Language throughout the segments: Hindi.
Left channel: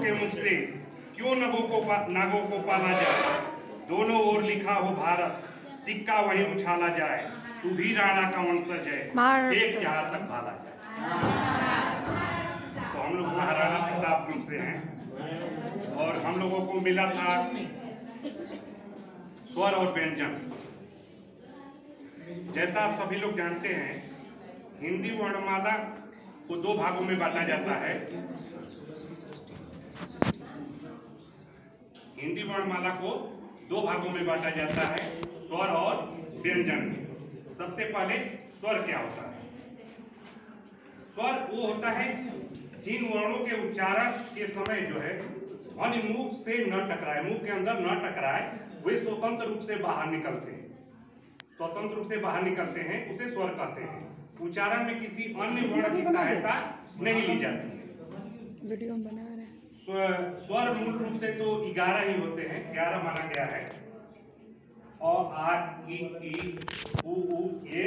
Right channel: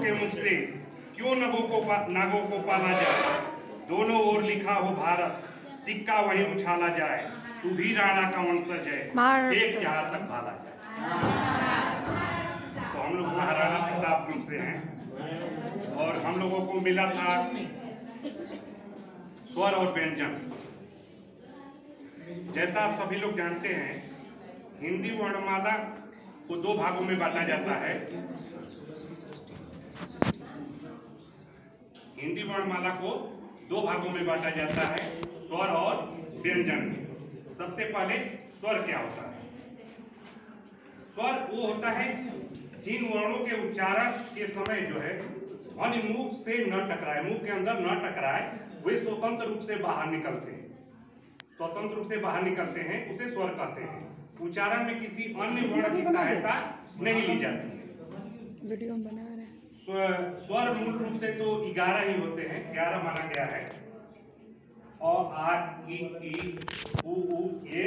के मुख से क्यों नागों को पाला जाए। दोनों ओर लिखा हो भारत, सिक्का वहीं उछाला जाए। तू भी राणा का वंशज है, एक जहां तक भाला जाए। तो हम लोग महाराणा प्रताप ग्रुप से हैं और हम लोगों को मिला था स्वर और व्यंजन। जैसा आप सभी लोग जानते हैं, हिंदी वर्णमाला को दो भागों में बांटा जाता है। हिंदी वर्णमाला को दो भागों में बांटा जाता है, स्वर और व्यंजन में। सबसे पहले स्वर क्या होता है? स्वर वो होता है जिन वर्णों के उच्चारण के समय जो है ध्वनि मुख से न टकराए, मुख के अंदर न टकराए, वे स्वतंत्र रूप से बाहर निकलते हैं। स्वतंत्र रूप से बाहर निकलते हैं, उसे स्वर कहते हैं। उच्चारण में किसी अन्य वर्ण की सहायता नहीं ली जाती है। वीडियो बना रहे हैं। स्वर मूल रूप से तो 11 ही होते हैं, 11 माना गया है। अ, आ, ई, उ, ए,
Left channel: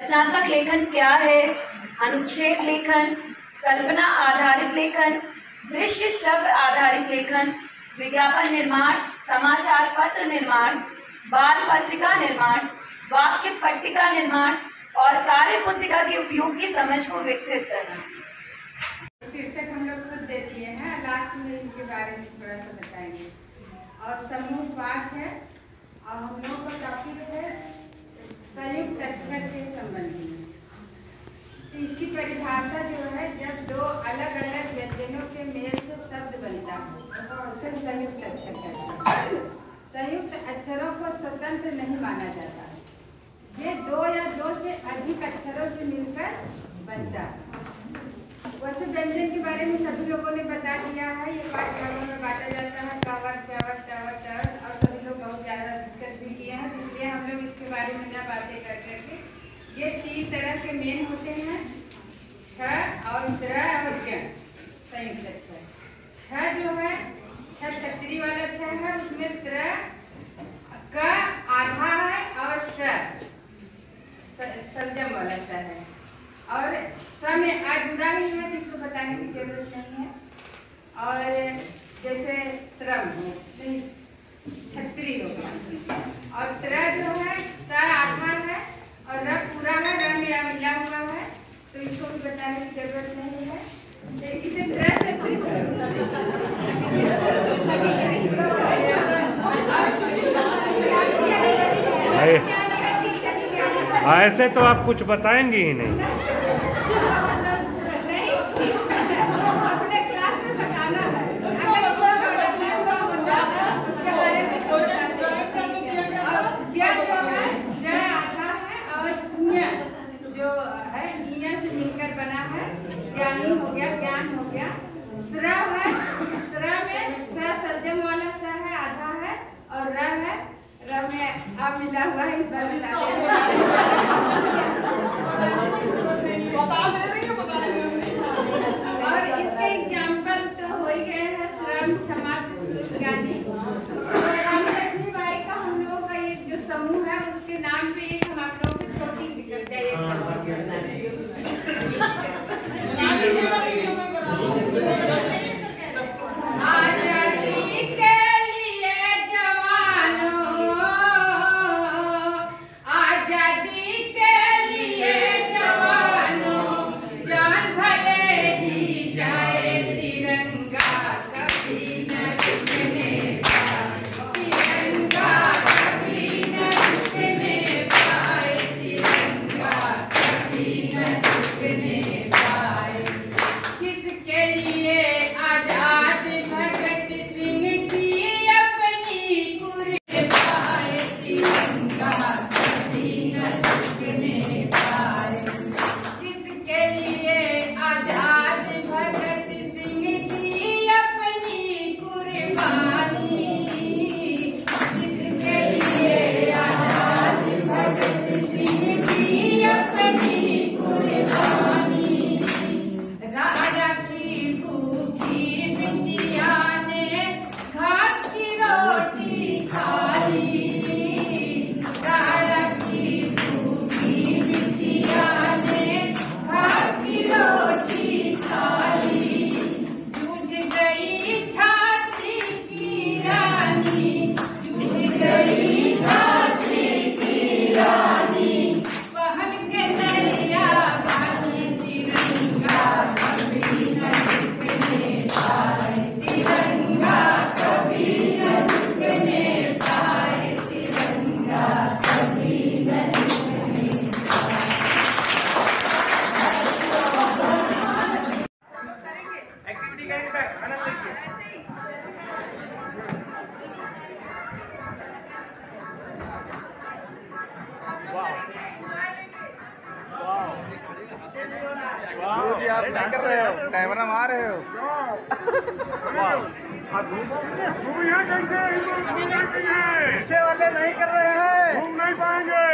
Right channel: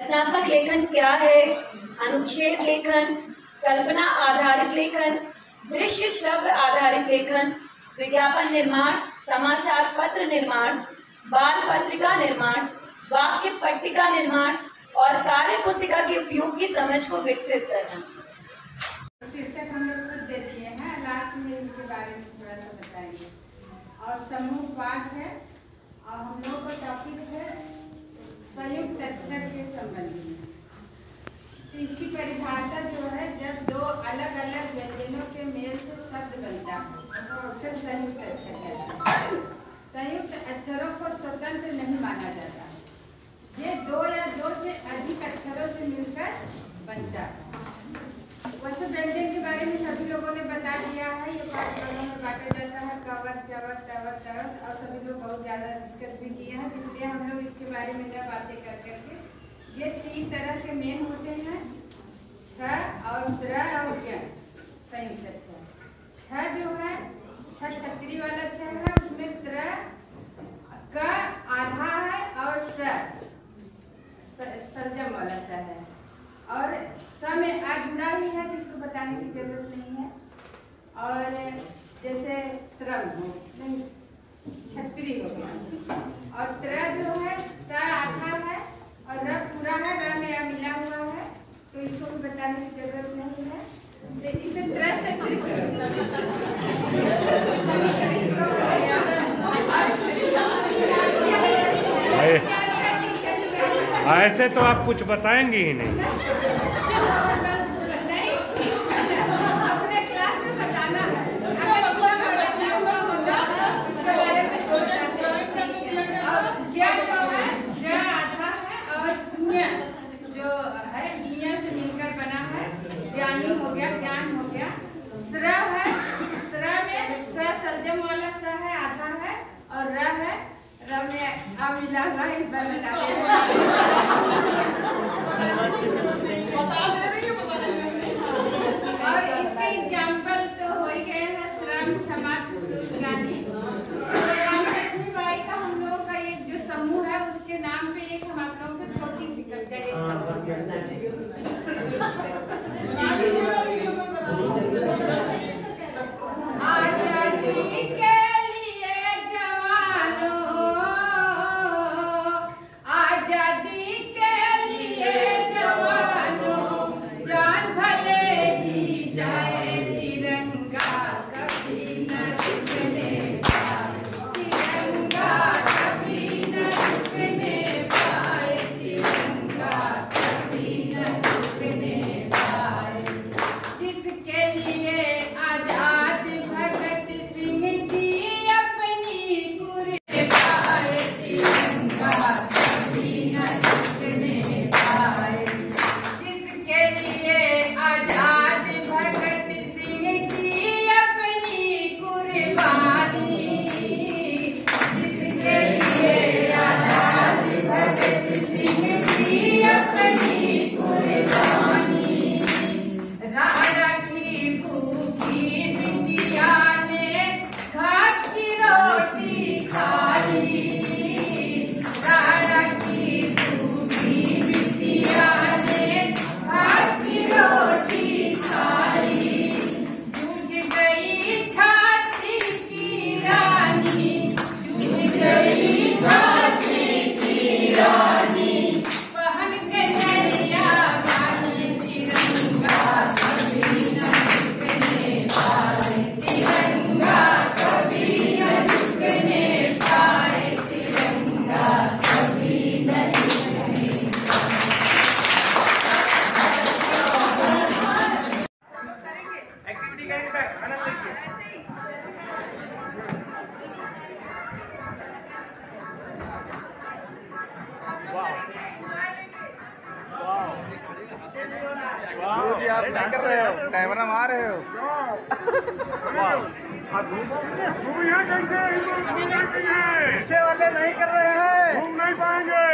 रचनात्मक लेखन क्या है? अनुच्छेद लेखन, कल्पना आधारित लेखन, दृश्य श्रव्य आधारित लेखन, विज्ञापन निर्माण, समाचार पत्र निर्माण, बाल पत्रिका निर्माण, वाक्य पट्टिका निर्माण और कार्य पुस्तिका के उपयोग की समझ को विकसित करना। शीर्षक हम लोग खुद दे दिए हैं, लास्ट में इनके बारे में थोड़ा सा बताएंगे। और समूह पाठ है और हम लोग का टॉपिक है संयुक्त अक्षर के संबंधी में। तो इसकी परिभाषा जो है, जब दो अलग अलग व्यंजनों के मेल से शब्द बनता है तो उसे संयुक्त अक्षर कहते हैं। संयुक्त अक्षरों को स्वतंत्र नहीं माना जाता है, ये दो या दो से अधिक अक्षरों से मिलकर बनता है। वैसे व्यंजन के बारे में सभी लोगों ने बता दिया है, ये 5 वर्गों में बांटा जाता है, कवच, चवच, टवच, टवच, और सभी लोग बहुत ज़्यादा डिस्कस भी किए हैं, इसलिए हम लोग इसके बारे में न बातें कर करके। ये 3 तरह के मेन होते हैं, छ और त्र और ज्ञ, संयुक्त अक्षर। छ जो है, छ छतरी वाला छ है, उसमें त्र का आधा है और सर्जम वाला स है, और स में आ जुड़ा ही है तो इसको बताने की जरूरत नहीं है। और जैसे श्रम हो, नहीं छतरी हो गया, और त्र जो है स आधा है और र पूरा है, र मेरा मिला हुआ है, तो इसको भी बताने की जरूरत नहीं है। इसे त्र से ऐसे तो आप कुछ बताएंगे ही नहीं। अपने क्लास में बताना है, उसके बारे में जो है ज आधा है और ज्ञ जो है ज्ञ से मिलकर बना है, ज्ञानी हो गया, ज्ञान हो गया। स्र है, स्र में स सर्जम वाला स है आधा है और र है, र में आ मिला हुआ है, इस बार बता और इसके एग्जाम्पल तो हो ही गए हैं, श्रम क्षमा ज्ञानी। रानी लक्ष्मीबाई का हम लोगों का ये जो समूह है उसके नाम पे एक हम आप लोगों को छोटी सी कविता आजादी के लिए जवानों, आजादी के लिए जवानों, जान भले ही जाए तिरंगा कभी न झुकने पाए, तिरंगा कभी न झुकने पाए, तिरंगा कभी न झुकने पाए। किसके लिए आजाद भगत सिंह की अपनी कुर्बानी, तिरंगा कभी न झुकने पाए। किसके लिए आजाद भगत सिंह की अपनी कुर्बानी, किसके लिए आजाद भगत सिंह की अपनी कुर्बानी। राणा की भूखी बिटिया ने घास की रोटी खा ली, राणा की भूखी बिटिया ने घास की रोटी खा ली। जूझ गई झांसी की रानी, जूझ गई झांसी की रानी, पहन के नरिया वाली, तिरंगा कभी न झुकने पाए, तिरंगा कभी न झुकने पाए, तिरंगा कभी न झुकने पाए। एक्टिविटी करेंगे सर, आनंद लीजिए। गुरु जी आप क्या कर रहे हो? कैमरा मार रहे हो? पीछे वाले नहीं कर रहे हैं, घूम नहीं पाएंगे।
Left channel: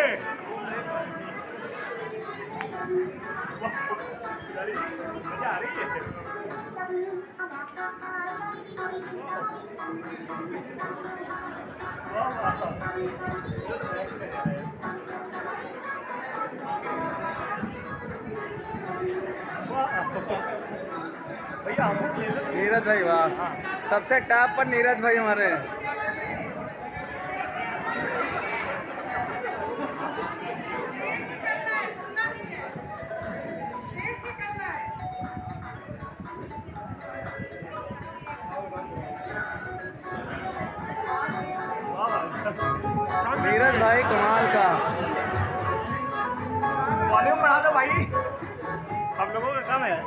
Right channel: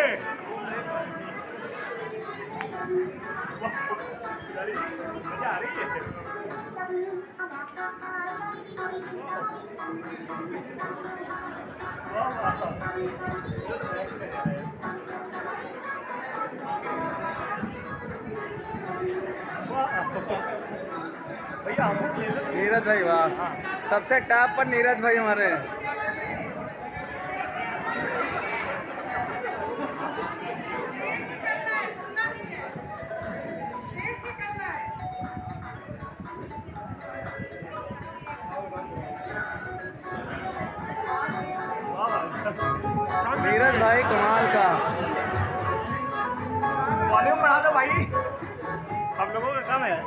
नीरज भाई वाह, सबसे टॉप पर नीरज भाई हमारे। नीरज भाई कमाल का। वॉल्यूम बढ़ा दो भाई, हम लोगों का काम है।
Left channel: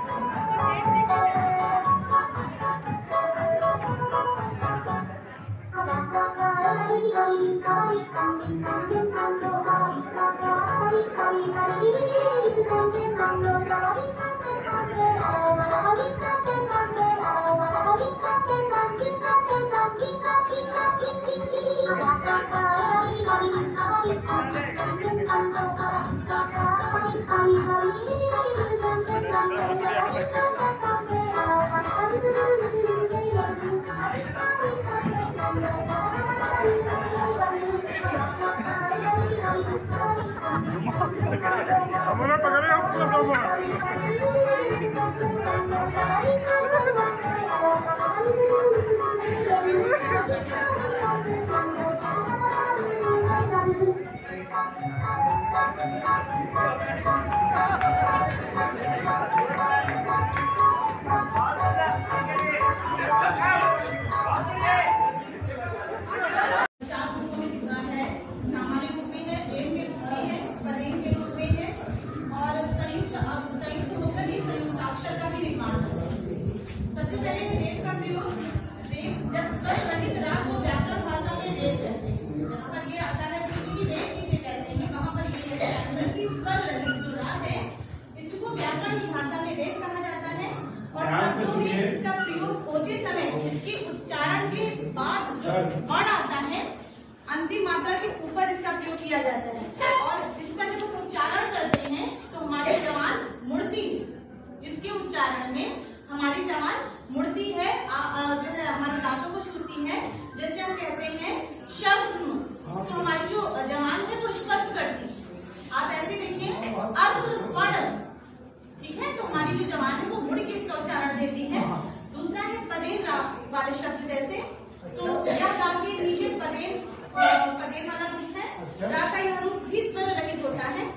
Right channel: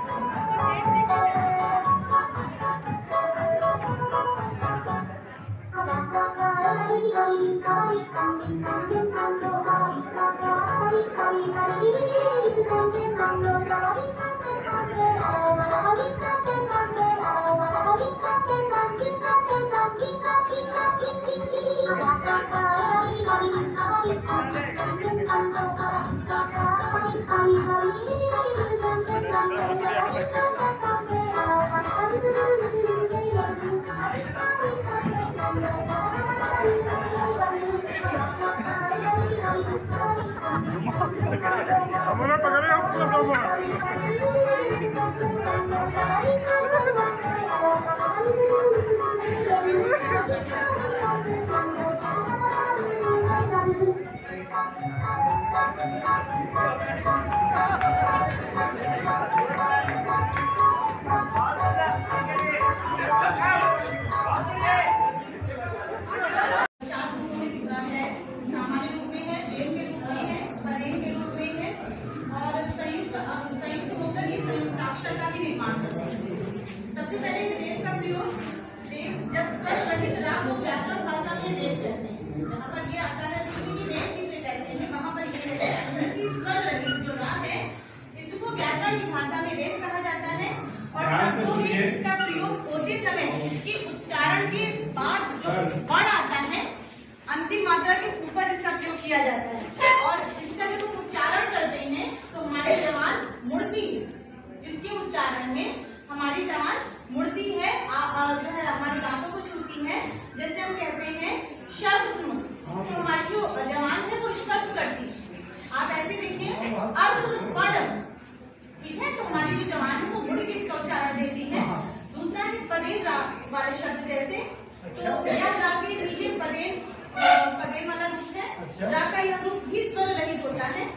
हमारा पकड़े हम सबसे पहले रेप का प्रयोग जब स्वस्थ रहित राग को व्याकरण भाषा में रेप कहते हैं। जहाँ पर ये आता है कि रेप किसे कहते हैं, वहाँ पर ये कहते हैं कि स्वर रहित जो राग है वर्ण आता है अंतिम मात्रा के ऊपर इसका प्रयोग किया जाता है और इसका जब हम उच्चारण करते हैं तो हमारी जबान मुड़ती है। इसके उच्चारण में हमारी जबान मुड़ती है, जो है हमारी दांतों को छूती है। जैसे हम कहते हैं शर्म, तो हमारी जो जबान है वो स्पर्श करती है। आप ऐसे देखिए अर्ध, ठीक है, तो हमारी जो जबान है वो मुड़ के इसका उच्चारण देती है। दूसरा है पदेन राग वाले शब्द, जैसे तो यह राग के नीचे पदेन वाला रूप है। राग का यह रूप भी स्वर रहित होता है।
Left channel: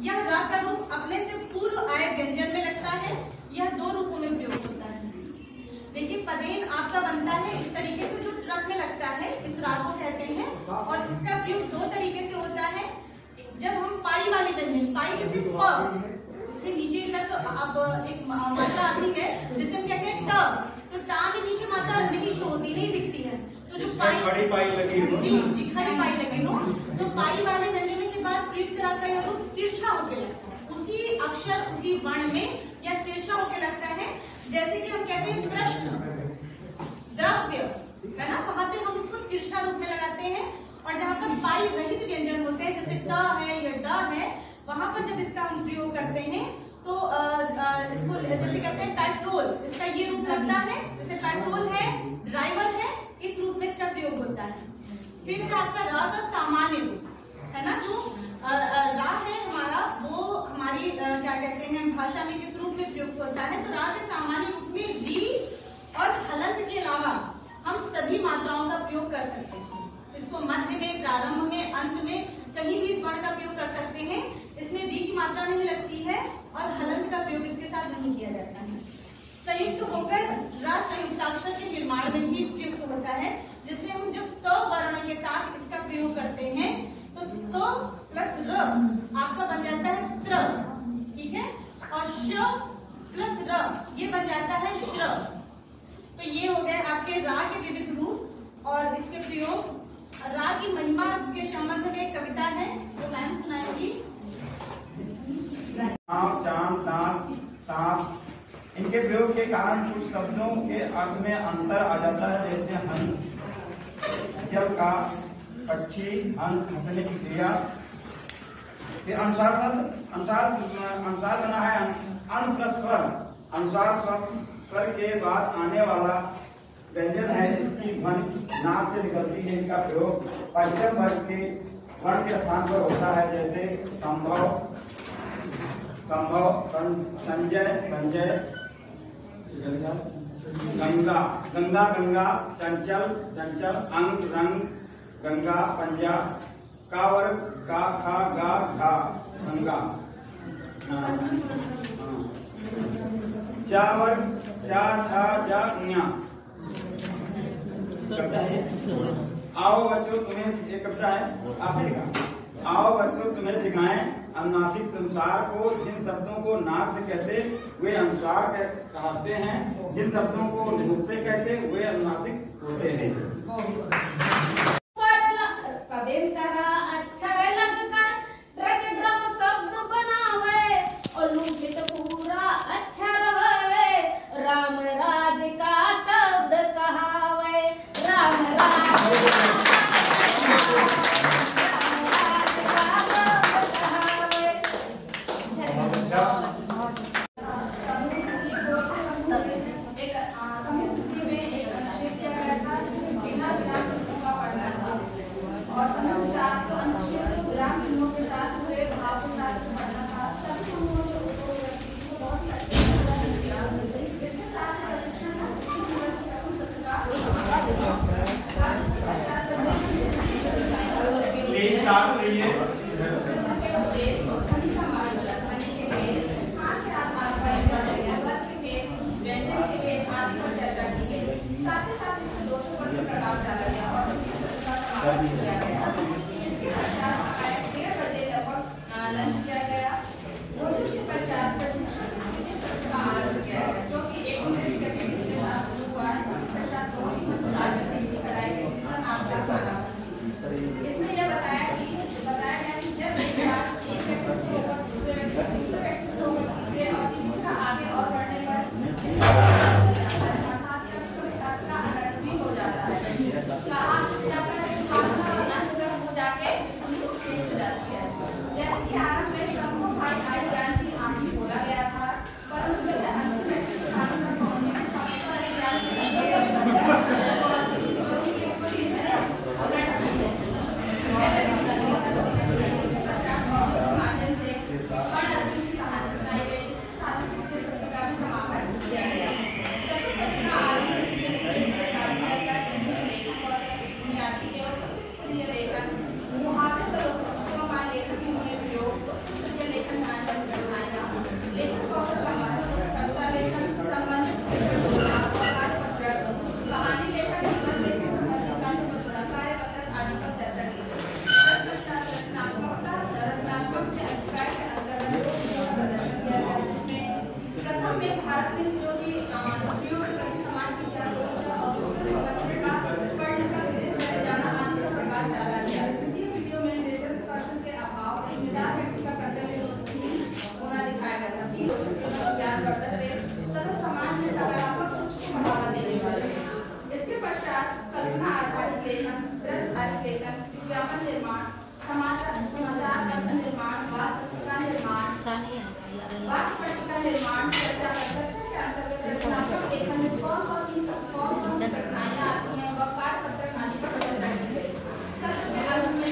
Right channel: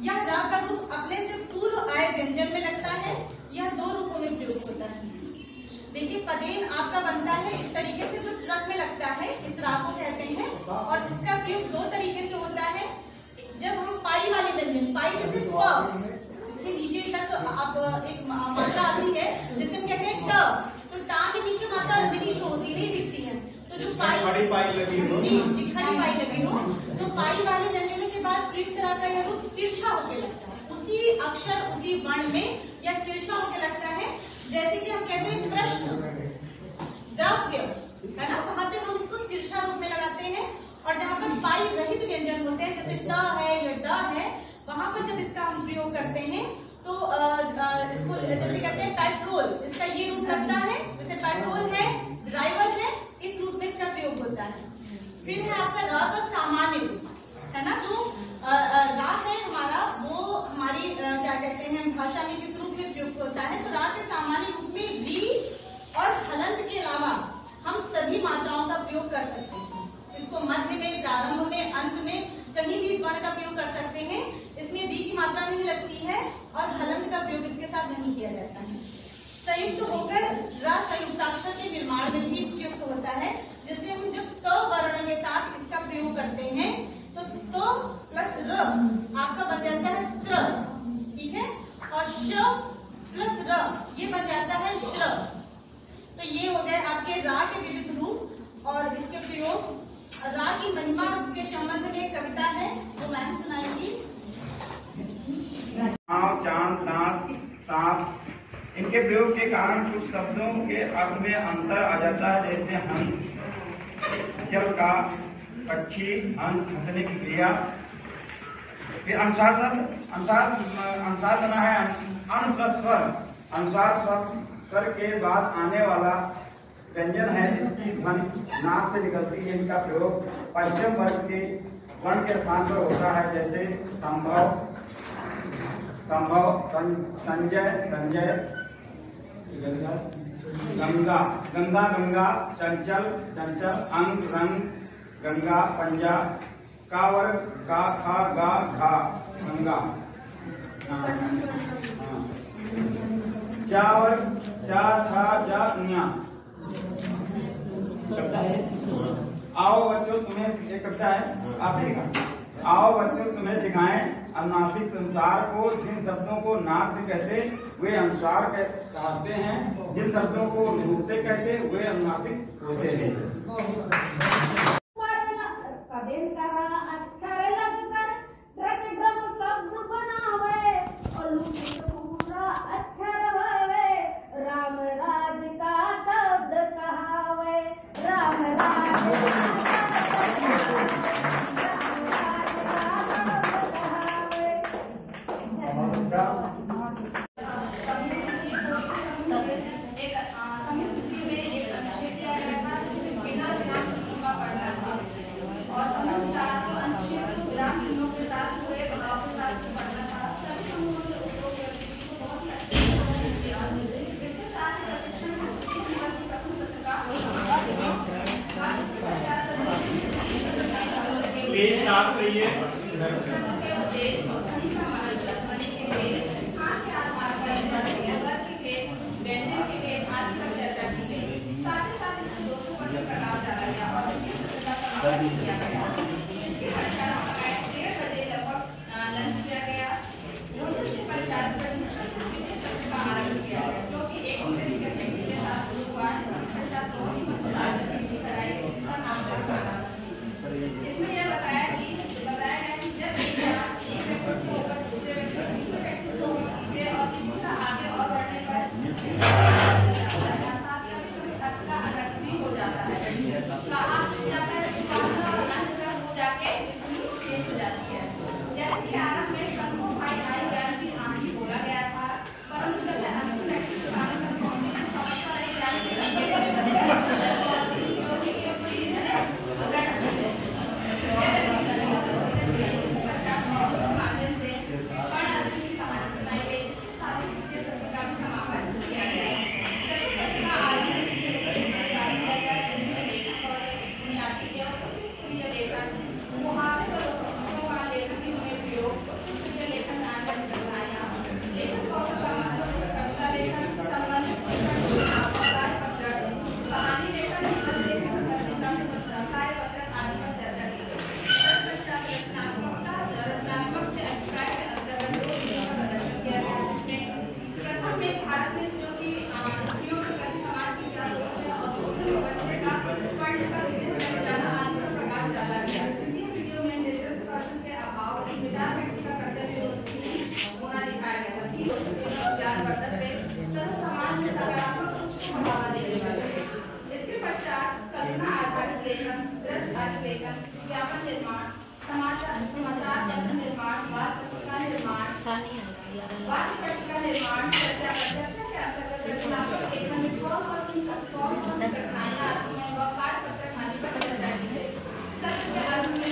यह राग का रूप अपने से पूर्व आए व्यंजन में लगता है। यह दो रूपों में प्रयोग होता है। देखिए पदेन आपका बनता है इस तरीके से, जो ट्रक में लगता है, इस राग को कहते हैं। और इसका प्रयोग दो तरीके से होता है। जब हम पाई वाले व्यंजन, पाई जैसे प, इसके नीचे तक अब एक मात्रा आती है जिसे हम कहते हैं ट, तो टा के नीचे मात्रा नहीं शो होती, नहीं दिखती है। तो जो खड़ी पाई लगी हो, जी खड़ी पाई लगी हो, तो पाई वाले व्यंजनों के बाद प्रयुक्त राग का यह रूप तिरछा होके लगता है। उसी अक्षर उसी वर्ण में यह तिरछा होके लगता है। जैसे कि हम कहते हैं प्रश्न, द्रव्य, है ना, वहां पे हम इसको तिरछा रूप में लगाते हैं। और जहाँ पर पाई रहित व्यंजन होते हैं, जैसे ट है या ड है, वहां पर जब इसका हम प्रयोग करते हैं तो इसको जैसे कहते हैं पेट्रोल, इसका ये रूप लगता है। जैसे पेट्रोल है, ड्राइवर है, इस रूप में इसका प्रयोग होता है। फिर है आपका र का सामान्य रूप, है ना, जो रा है हमारा, वो हमारी क्या कहते हैं भाषा में किस रूप में प्रयुक्त होता है। तो रा के सामान्य रूप में री और हलंत के अलावा हम सभी मात्राओं का प्रयोग कर सकते हैं। इसको मध्य में, प्रारंभ में, अंत में कहीं भी इस वर्ण का प्रयोग कर सकते हैं। इसमें री की मात्रा नहीं लगती है और हलंत का प्रयोग इसके साथ नहीं किया जाता है। संयुक्त होकर र संयुक्ताक्षर के निर्माण में ही प्रयुक्त होता है। जैसे हम जब त वर्ण के साथ इसका प्रयोग करते हैं तो त प्लस र आपका बन जाता है त्र, ठीक है, और श प्लस र ये बन जाता है श्र। तो ये हो गए आपके रा के विविध रूप और इसके प्रयोग। रा की महिमा के संबंध में एक कविता है, वो मैंने सुनाएंगी। चांद, दांत, सांप, इनके प्रयोग के कारण कुछ शब्दों के अर्थ में अंतर आ जाता है। जैसे हंस, जल का, पक्षी, हंस, हंसने की क्रिया। फिर अनुसार शब्द, अनुसार बना है अन प्लस स्वर। अनुसार स्वर के बाद आने वाला व्यंजन है, इसकी ध्वनि नाक से निकलती है। इनका प्रयोग पंचम वर्ग के वर्ण के स्थान पर होता है। जैसे संभव, संभव, संजय, संजय, गंगा, गंगा, गंगा, चंचल, चंचल, अंग, रंग, गंगा, पंजा, का वर्ग, का, खा, गा, घा, गंगा, चा वर्ग, चा, छा, जा, ञा। आओ बच्चों तुम्हें एक कविता है, आपने लिखा। आओ बच्चों तुम्हें सिखाएं अनुनासिक संसार को। जिन शब्दों को नाक से कहते वे अनुसार कहते हैं, जिन शब्दों को मुंह से कहते वे अनुनासिक होते हैं। पदेन करा अक्षर लगकर ट्रक ड्रम शब्द बनावे और लुकित पूरा अक्षर होवे। राम राज का शब्द कहावे, राम राज प्लीज साफ रहिए। इसमें यह बताया गया कि जब एक व्यक्ति एक व्यक्ति से होकर दूसरे व्यक्ति से, दूसरे व्यक्ति से होकर तीसरे और तीसरे से आगे और बढ़ने पर का अनर्थ भी हो जाता है। लेखन, दृश्य अर्थ लेखन, विज्ञापन निर्माण, समाचार पत्र निर्माण, वार्ता निर्माण, वाक्य पट्टिका निर्माण, चर्चा के अंतर्गत रचनात्मक लेखन में कौन सी कठिनाइयां आती हैं वह कार्य पत्र खाने पर चर्चा की गई। सत्र के अंत में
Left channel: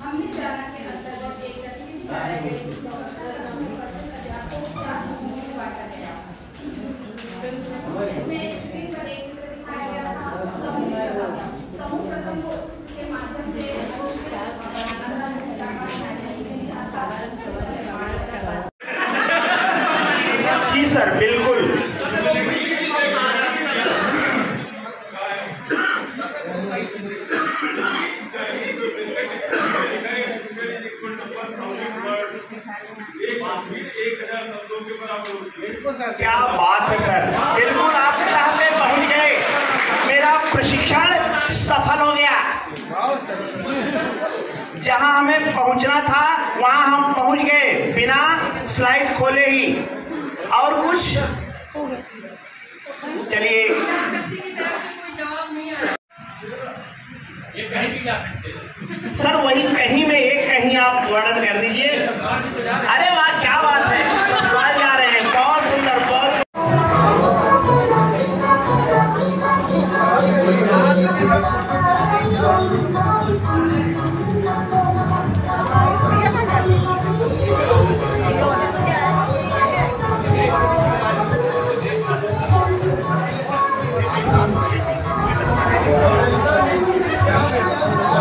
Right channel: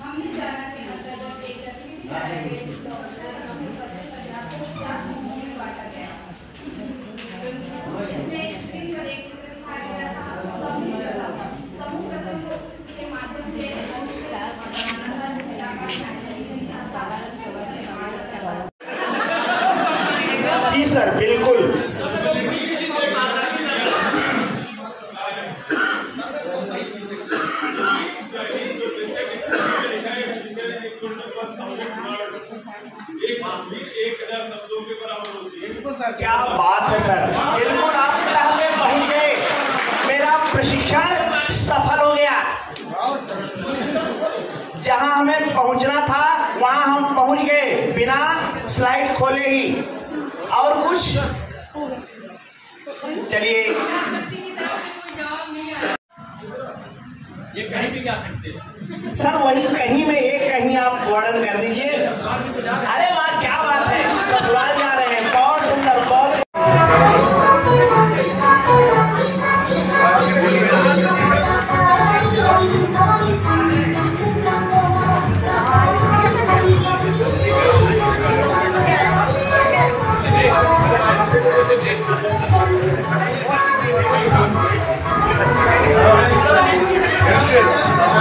हमने जाना के अंतर्गत एक गतिविधि कराई गई जिसको अध्यापकों को 4 समूहों में बांटा गया। इसमें स्क्रीन पर एक चित्र दिखाया गया था। समूह प्रथम को चित्र के माध्यम से जी सर, बिल्कुल। क्या बात है सर, बिल्कुल आप क्लास में पहुंच गए। मेरा प्रशिक्षण सफल हो गया। जहां हमें पहुंचना था वहां हम पहुंच गए बिना स्लाइड खोले ही। और कुछ चलिए, ये कहीं भी जा सकते हैं सर। वही कहीं में एक कहीं आप वर्णन कर दीजिए। अरे वाह, क्या बात है, ससुराल जा रहे हैं, बहुत सुंदर, बहुत।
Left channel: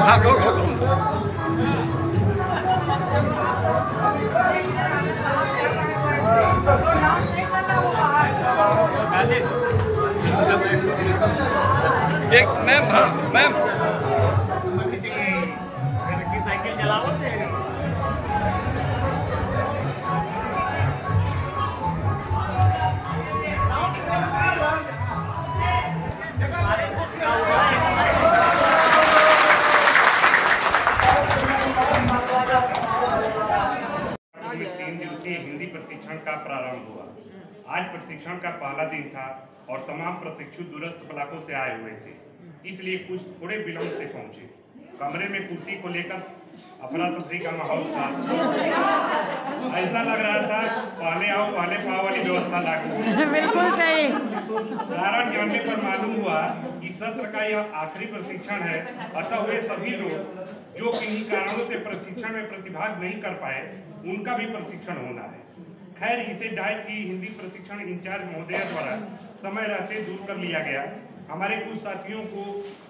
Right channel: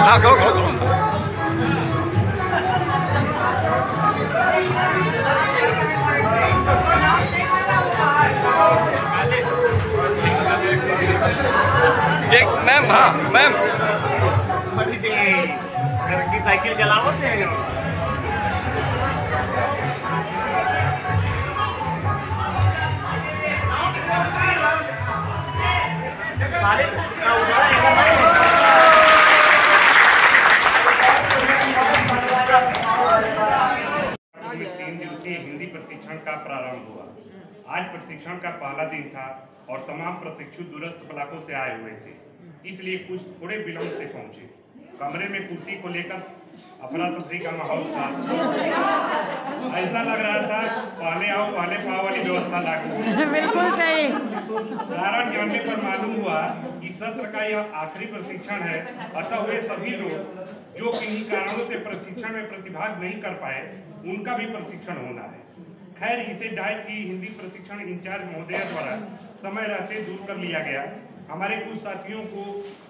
हाँ, go. एक मैम, हाँ मैम, साइकिल चलाते हैं। प्रशिक्षण का प्रारंभ हुआ। आज प्रशिक्षण का पहला दिन था और तमाम प्रशिक्षु दूरस्थ ब्लॉकों से आए हुए थे, इसलिए कुछ थोड़े विलंब से पहुंचे। कमरे में कुर्सी को लेकर अफरा तफरी का माहौल था। ऐसा लग रहा था पहले आओ पहले पाओ वाली व्यवस्था लागू। बिल्कुल सही। कारण जानने पर मालूम हुआ कि सत्र का यह आखिरी प्रशिक्षण है, अतः वे सभी लोग जो किन्हीं कारणों से प्रशिक्षण में प्रतिभाग नहीं कर पाए उनका भी प्रशिक्षण होना है। खैर, इसे डाइट की हिंदी प्रशिक्षण इंचार्ज महोदय द्वारा समय रहते दूर कर लिया गया। हमारे कुछ साथियों को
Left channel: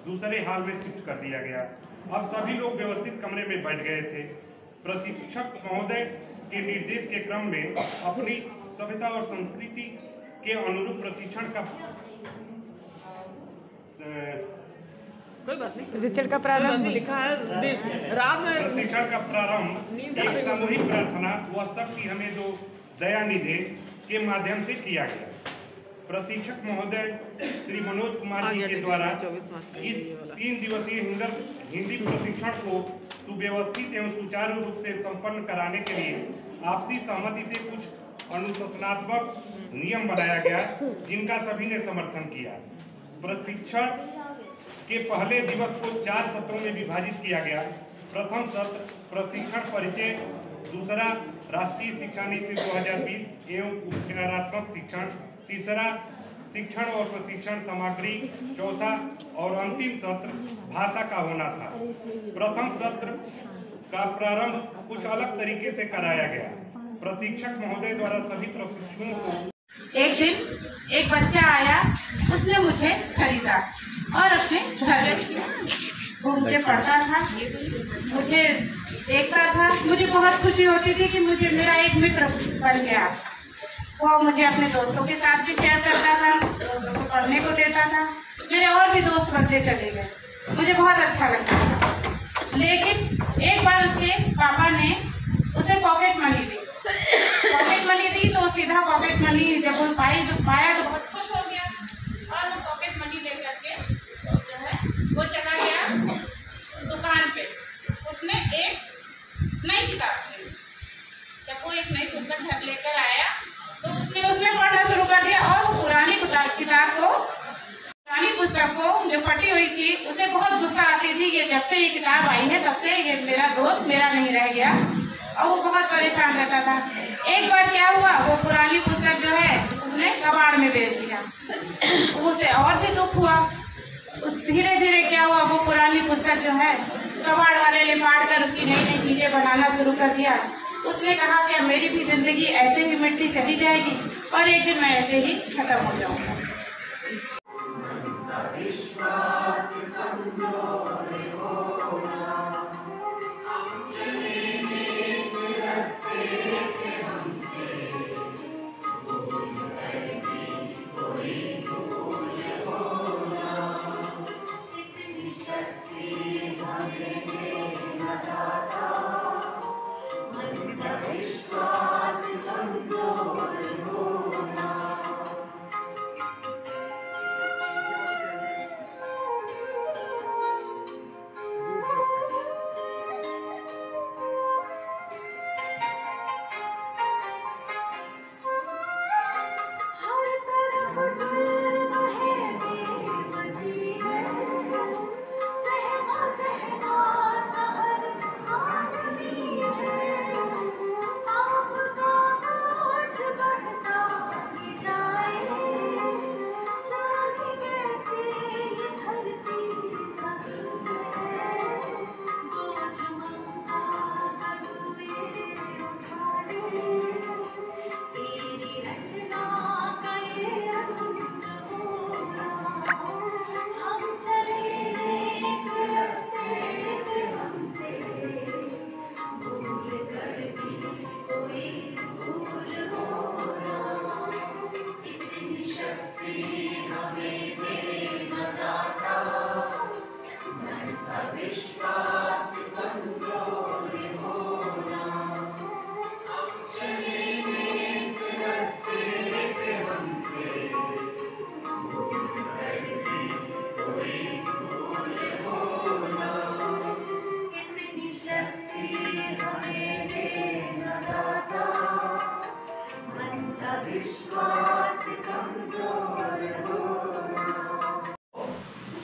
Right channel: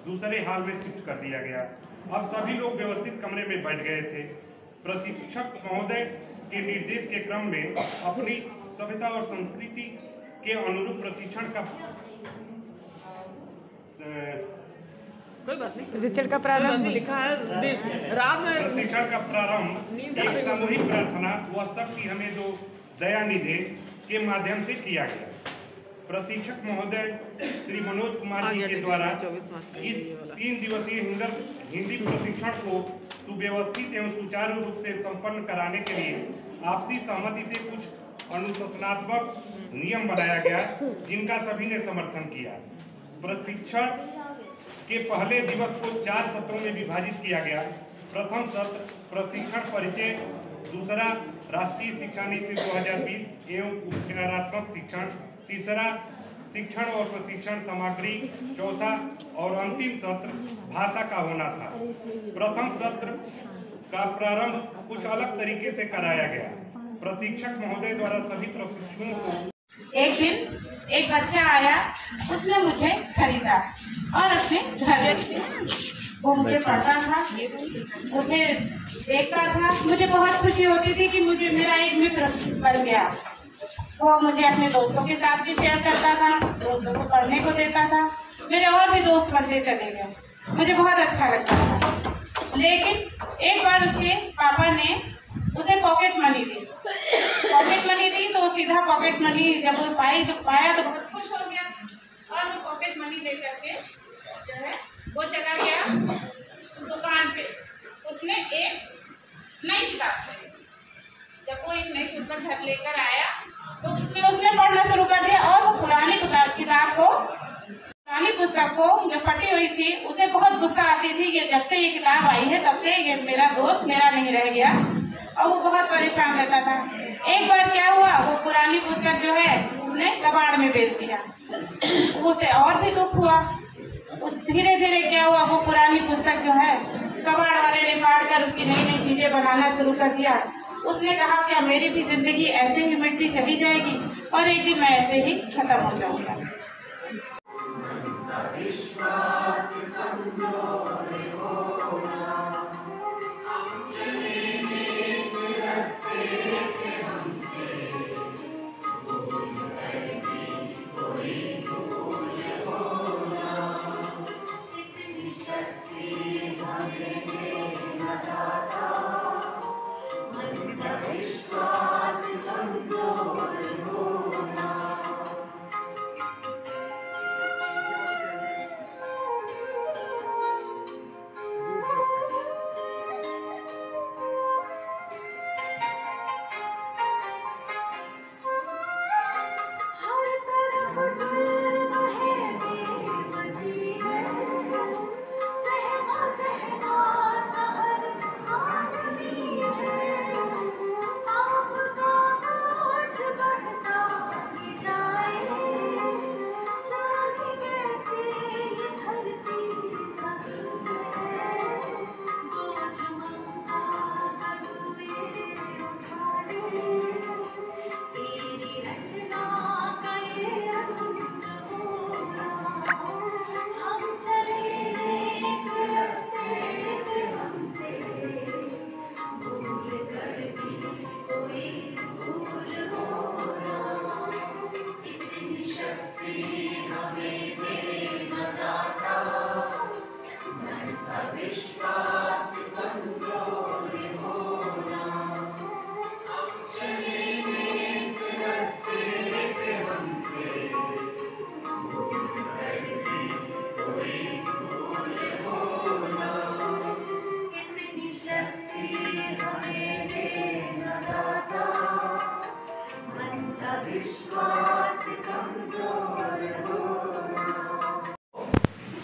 दूसरे हॉल में शिफ्ट कर दिया गया। अब सभी लोग व्यवस्थित कमरे में बैठ गए थे। प्रशिक्षक महोदय के निर्देश के क्रम में अपनी सभ्यता और संस्कृति के अनुरूप प्रशिक्षण का प्रशिक्षण का प्रारंभ लिखा है रात में। प्रशिक्षण का प्रारंभ एक सामूहिक प्रार्थना व सबकी हमें दो दया निधे के माध्यम से किया गया। प्रशिक्षक महोदय श्री मनोज कुमार जी के द्वारा इस 3 दिवसीय हिंदी प्रशिक्षण को सुव्यवस्थित एवं सुचारू रूप से संपन्न कराने के लिए आपसी सहमति से कुछ अनुशासनात्मक नियम बनाया गया, जिनका सभी ने समर्थन किया। प्रशिक्षण के पहले दिवस को 4 सत्रों में विभाजित किया गया। प्रथम सत्र प्रशिक्षण परिचय, दूसरा राष्ट्रीय शिक्षा नीति 2020 एवं उपचारात्मक शिक्षण, तीसरा शिक्षण और प्रशिक्षण सामग्री, चौथा और अंतिम सत्र भाषा का होना था। प्रथम सत्र का प्रारंभ कुछ अलग तरीके से कराया गया। प्रशिक्षक महोदय द्वारा सभी प्रशिक्षुओं को एक दिन एक बच्चा आया, उसने मुझे खरीदा और अपने घर ले गया। वो मुझे पढ़ता था, मुझे देखता था, मुझे बहुत खुशी होती थी कि मुझे मेरा एक मित्र बन गया। वो मुझे अपने दोस्तों के साथ भी शेयर करता था, दोस्तों को पढ़ने को देता था। मेरे और भी दोस्त बनते चले गए, मुझे बहुत अच्छा लगता। लेकिन एक बार उसके पापा ने उसे पॉकेट मनी दी। पॉकेट मनी दी तो सीधा पॉकेट मनी जब वो पाया तो बहुत खुश हो गया और वो पॉकेट मनी लेकर के जो है वो चला गया दुकान पे। उसने एक नई किताब खरीदी। जब वो एक नई पुस्तक घर लेकर आया तो उसने पढ़ना शुरू कर दिया और पुरानी पुस्तक को जो फटी हुई थी उसे बहुत गुस्सा आती थी कि जब से ये किताब आई है तब से ये मेरा दोस्त मेरा नहीं रह गया, और वो बहुत परेशान रहता था। एक बार क्या हुआ, वो पुरानी पुस्तक जो है उसने कबाड़ में बेच दिया। उसे और भी दुख हुआ। उस धीरे धीरे क्या हुआ, वो पुरानी पुस्तक जो है कबाड़ वाले ने फाड़ कर उसकी नई नई चीजें बनाना शुरू कर दिया। उसने कहा कि मेरी भी जिंदगी ऐसे ही मिटती चली जाएगी और एक दिन मैं ऐसे ही खत्म हो जाऊंगा। सहना सहना सहर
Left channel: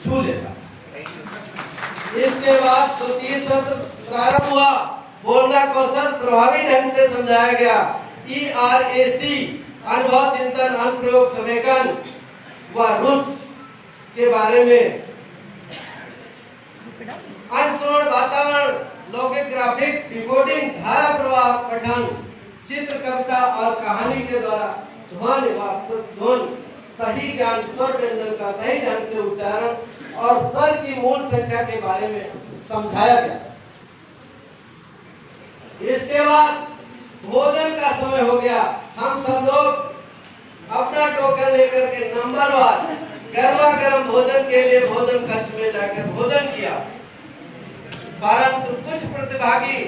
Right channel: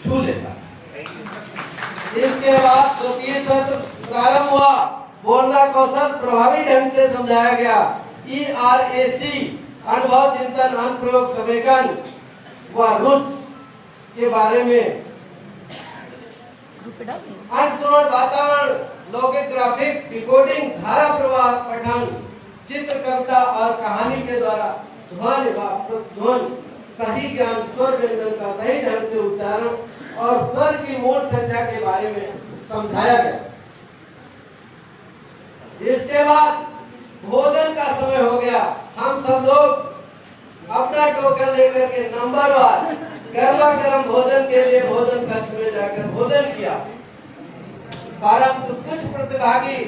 छू लेता। इसके बाद द्वितीय सत्र प्रारंभ हुआ। बोलना कौशल प्रभावी ढंग से समझाया गया। ERAC अनुभव चिंतन अनुप्रयोग समेकन व रूट्स के बारे में, अनुश्रवण वातावरण, लौकिक ग्राफिक डिकोडिंग, धारा प्रवाह पठन, चित्र कविता और कहानी के द्वारा ध्वनि व ध्वनि, सही ज्ञान, स्वर व्यंजन का सही ढंग से उच्चारण और स्वर की मूल संख्या के बारे में समझाया गया। इसके बाद भोजन का समय हो गया। हम सब लोग अपना टोकन लेकर के नंबरवार गर्मा गर्म भोजन के लिए भोजन कक्ष में जाकर भोजन किया। परंतु कुछ प्रतिभागी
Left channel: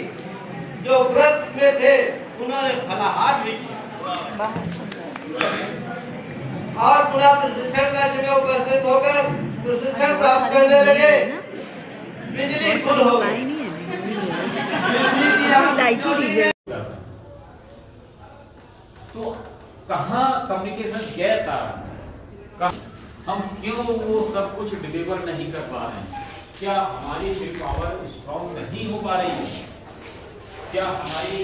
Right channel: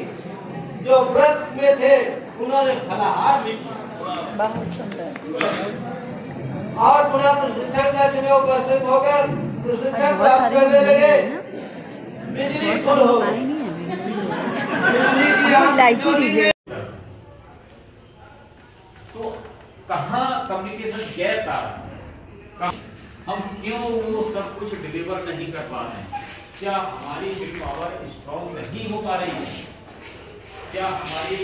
जो व्रत में थे उन्होंने फलाहार भी किया और पुनः प्रशिक्षण कक्ष में उपस्थित होकर प्रशिक्षण प्राप्त करने लगे। बिजली फुल हो गई। बिजली की तो कहाँ कम्युनिकेशन गैप आ रहा है, हम क्यों वो सब कुछ डिलीवर नहीं कर पा रहे हैं? क्या हमारी विल पावर स्ट्रॉन्ग नहीं हो पा रही है? क्या हमारी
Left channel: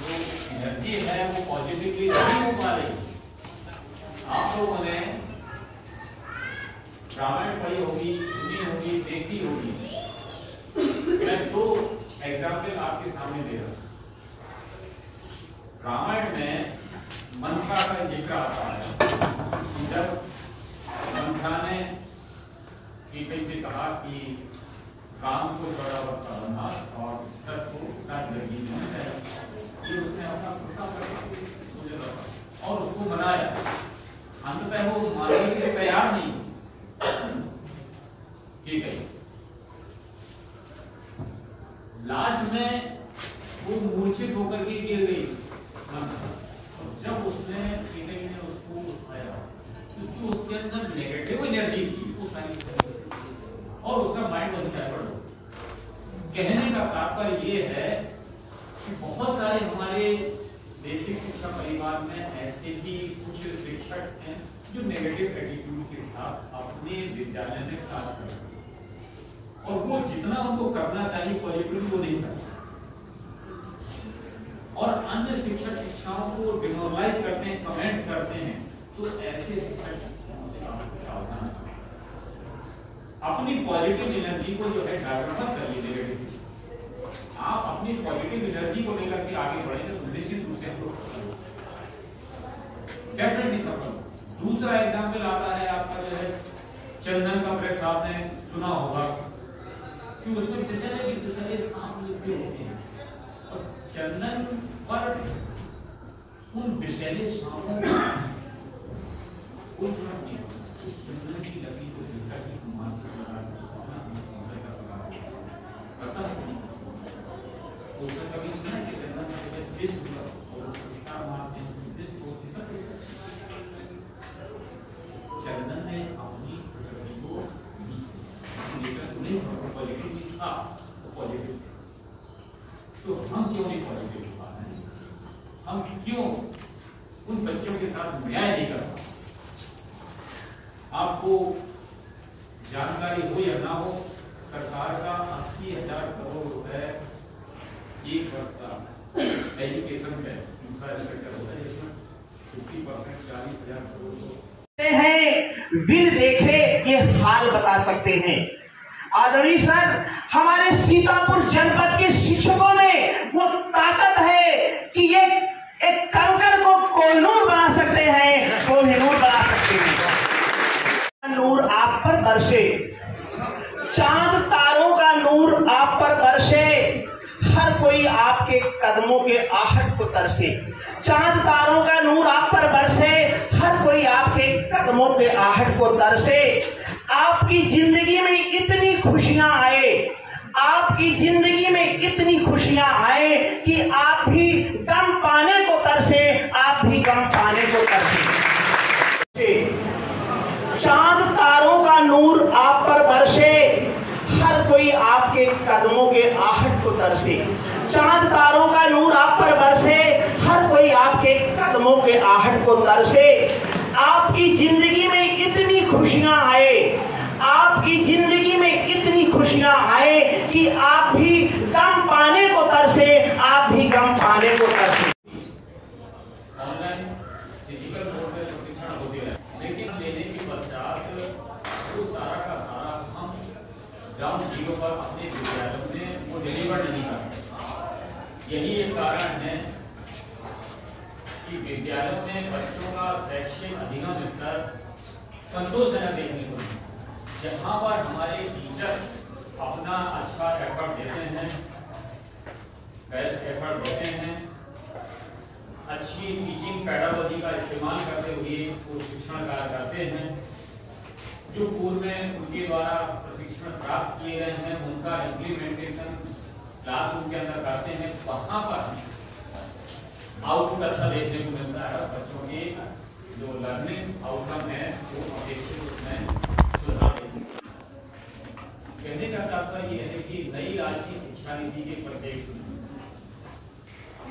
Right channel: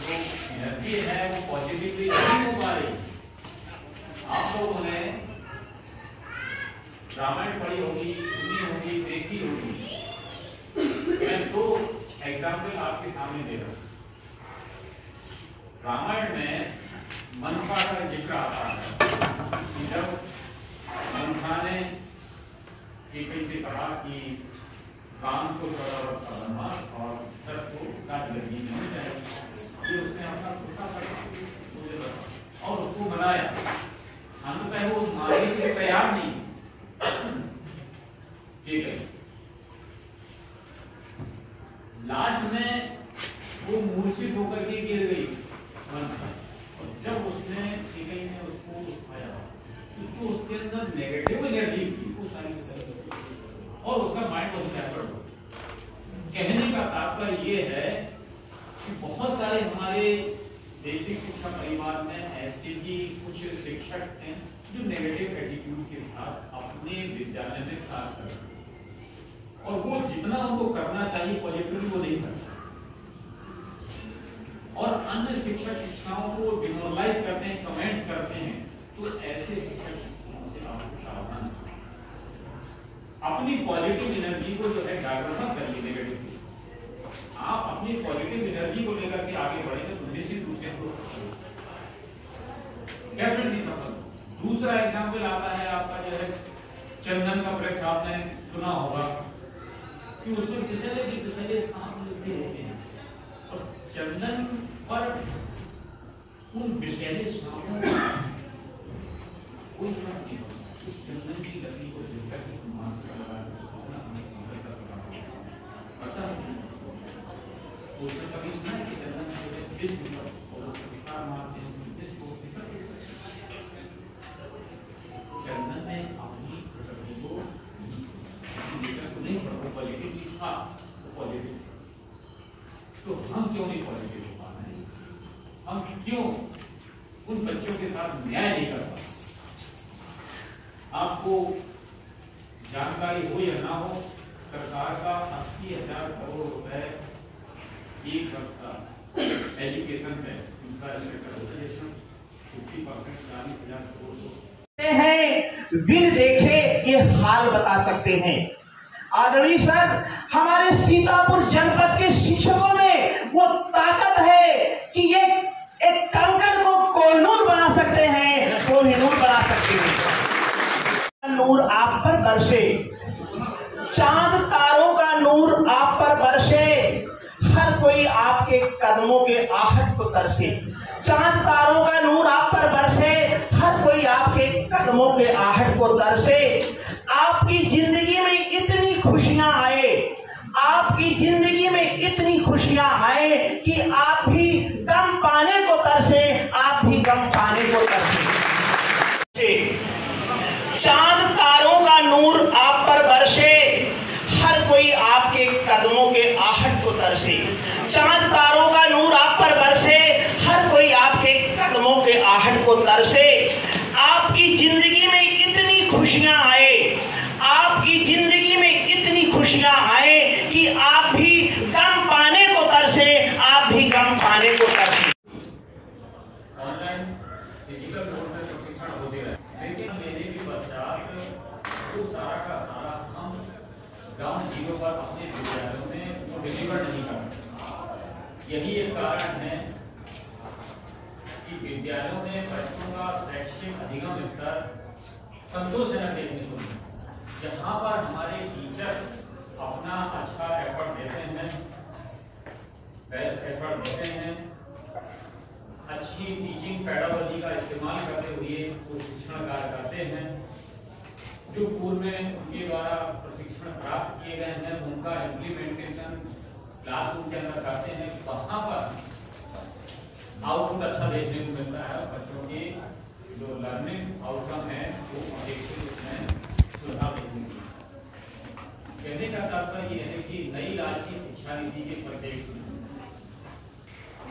जो एनर्जी है वो पॉजिटिवली नहीं हो पा रही? आप लोगों ने रामायण पढ़ी होगी, सुनी होगी, देखी होगी। मैं दो एग्जाम्पल आपके सामने दे रहा हूं। रामायण में मनसा का जिक्र आता है कि जब मनसा ने कैसे से कहा कि काम को बड़ा बड़ा बनना और जब को काट लगी नहीं चाहिए, ये उसने अपना खुदा मुझे बता और उसको बनाया। अंततः वो मानने के लिए तैयार नहीं। ठीक है, लास्ट में वो मूर्छित होकर के गिर गई मनसा। जब उसने ने उसको उठाया तो जो उसके अंदर नेगेटिव एनर्जी थी वो सारी और उसका माइंड बन गया। कहने का तात्पर्य ये है कि बहुत सारे हमारे बेसिक शिक्षा परिवार में ऐसे भी कुछ शिक्षक हैं जो नेगेटिव एटीट्यूड के साथ अपने विद्यालय में कार्य करते हैं और वो जितना उनको करना चाहिए पॉजिटिवली वो नहीं करते और अन्य शिक्षक शिक्षाओं को डिमोरलाइज करते हैं, कमेंट्स करते हैं। तो ऐसे शिक्षक शिक्षाओं से आपको सावधान अपनी पॉजिटिव एनर्जी को जो है डाइवर्ट मत करिए नेगेटिव। आप अपनी पॉजिटिव एनर्जी को लेकर के आगे बढ़ेंगे तो निश्चित रूप से हम लोग डेफिनेटली सफल। दूसरा एग्जाम्पल आता है आपका जो है चंदन का प्रेस, आपने सुना होगा कि उसमें पिछले सांप होती है और चंदन पर उन विषैले सांपों कोई फर्क नहीं होता। उस चंदन की लकड़ी को जिसका की पता है उसने कभी सुना कि चंदन में जिस मारते हैं चंदन ने अपनी प्रकृति को नहीं पॉजिटिव था, पॉजिटिव। तो हम क्यों नहीं पॉजिटिव हो पा रहे हैं? हम क्यों उन बच्चों के साथ न्याय नहीं कर पा? आपको जानकारी हो या ना हो, सरकार का 80,000 करोड़ रुपए एक सप्ताह एजुकेशन पे इंफ्रास्ट्रक्चर होता है, जिसमें 50% 40,000 करोड़ हैं। बिन देखे ये हाल बता सकते हैं। आदरणीय सर, हमारे सीतापुर जनपद के शिक्षकों में वो ताकत है कि ये एक कंकर को कोहिनूर बना सकते हैं, कोहिनूर बना सकते हैं। नूर आप पर बरसे, चांद तारों का नूर आप पर बरसे, हर कोई आपके कदमों के आहट को तरसे। चांद तारों का नूर आप पर बरसे, हर कोई आपके कदमों के आहट को तरसे। आपकी जिंदगी में इतनी खुशियां आए, आपकी जिंदगी में इतनी खुशियां आए कि आप भी गम पाने को तरसे, आप भी गम पाने को तरसे। चांद तारों का नूर आप पर बरसे, हर कोई आपके कदमों के आहट को तरसे। चांद तारों का नूर आप पर बरसे, हर कोई आपके कदमों के आहट को तरसे। यही एक कारण है कि विद्यालयों में बच्चों का शैक्षिक अधिगम स्तर संतोषजनक देखने को मिला। जहाँ पर हमारे टीचर अपना अच्छा एफर्ट देते हैं, बेस्ट एफर्ट देते हैं, अच्छी टीचिंग पैडागोजी का इस्तेमाल करते हुए वो शिक्षण कार्य करते हैं, जो पूर्व में उनके द्वारा प्रशिक्षण प्राप्त किए गए हैं उनका इम्प्लीमेंटेशन क्लासरूम के अंदर करते हैं, वहाँ पर आउटपुट अच्छा देखने को मिलता है। बच्चों के जो लर्निंग आउटकम है वो अपेक्षित उसमें सुधार देखने को मिलता है। कहने का तात्पर्य यह है कि नई राष्ट्रीय शिक्षा नीति के परिप्रेक्ष्य में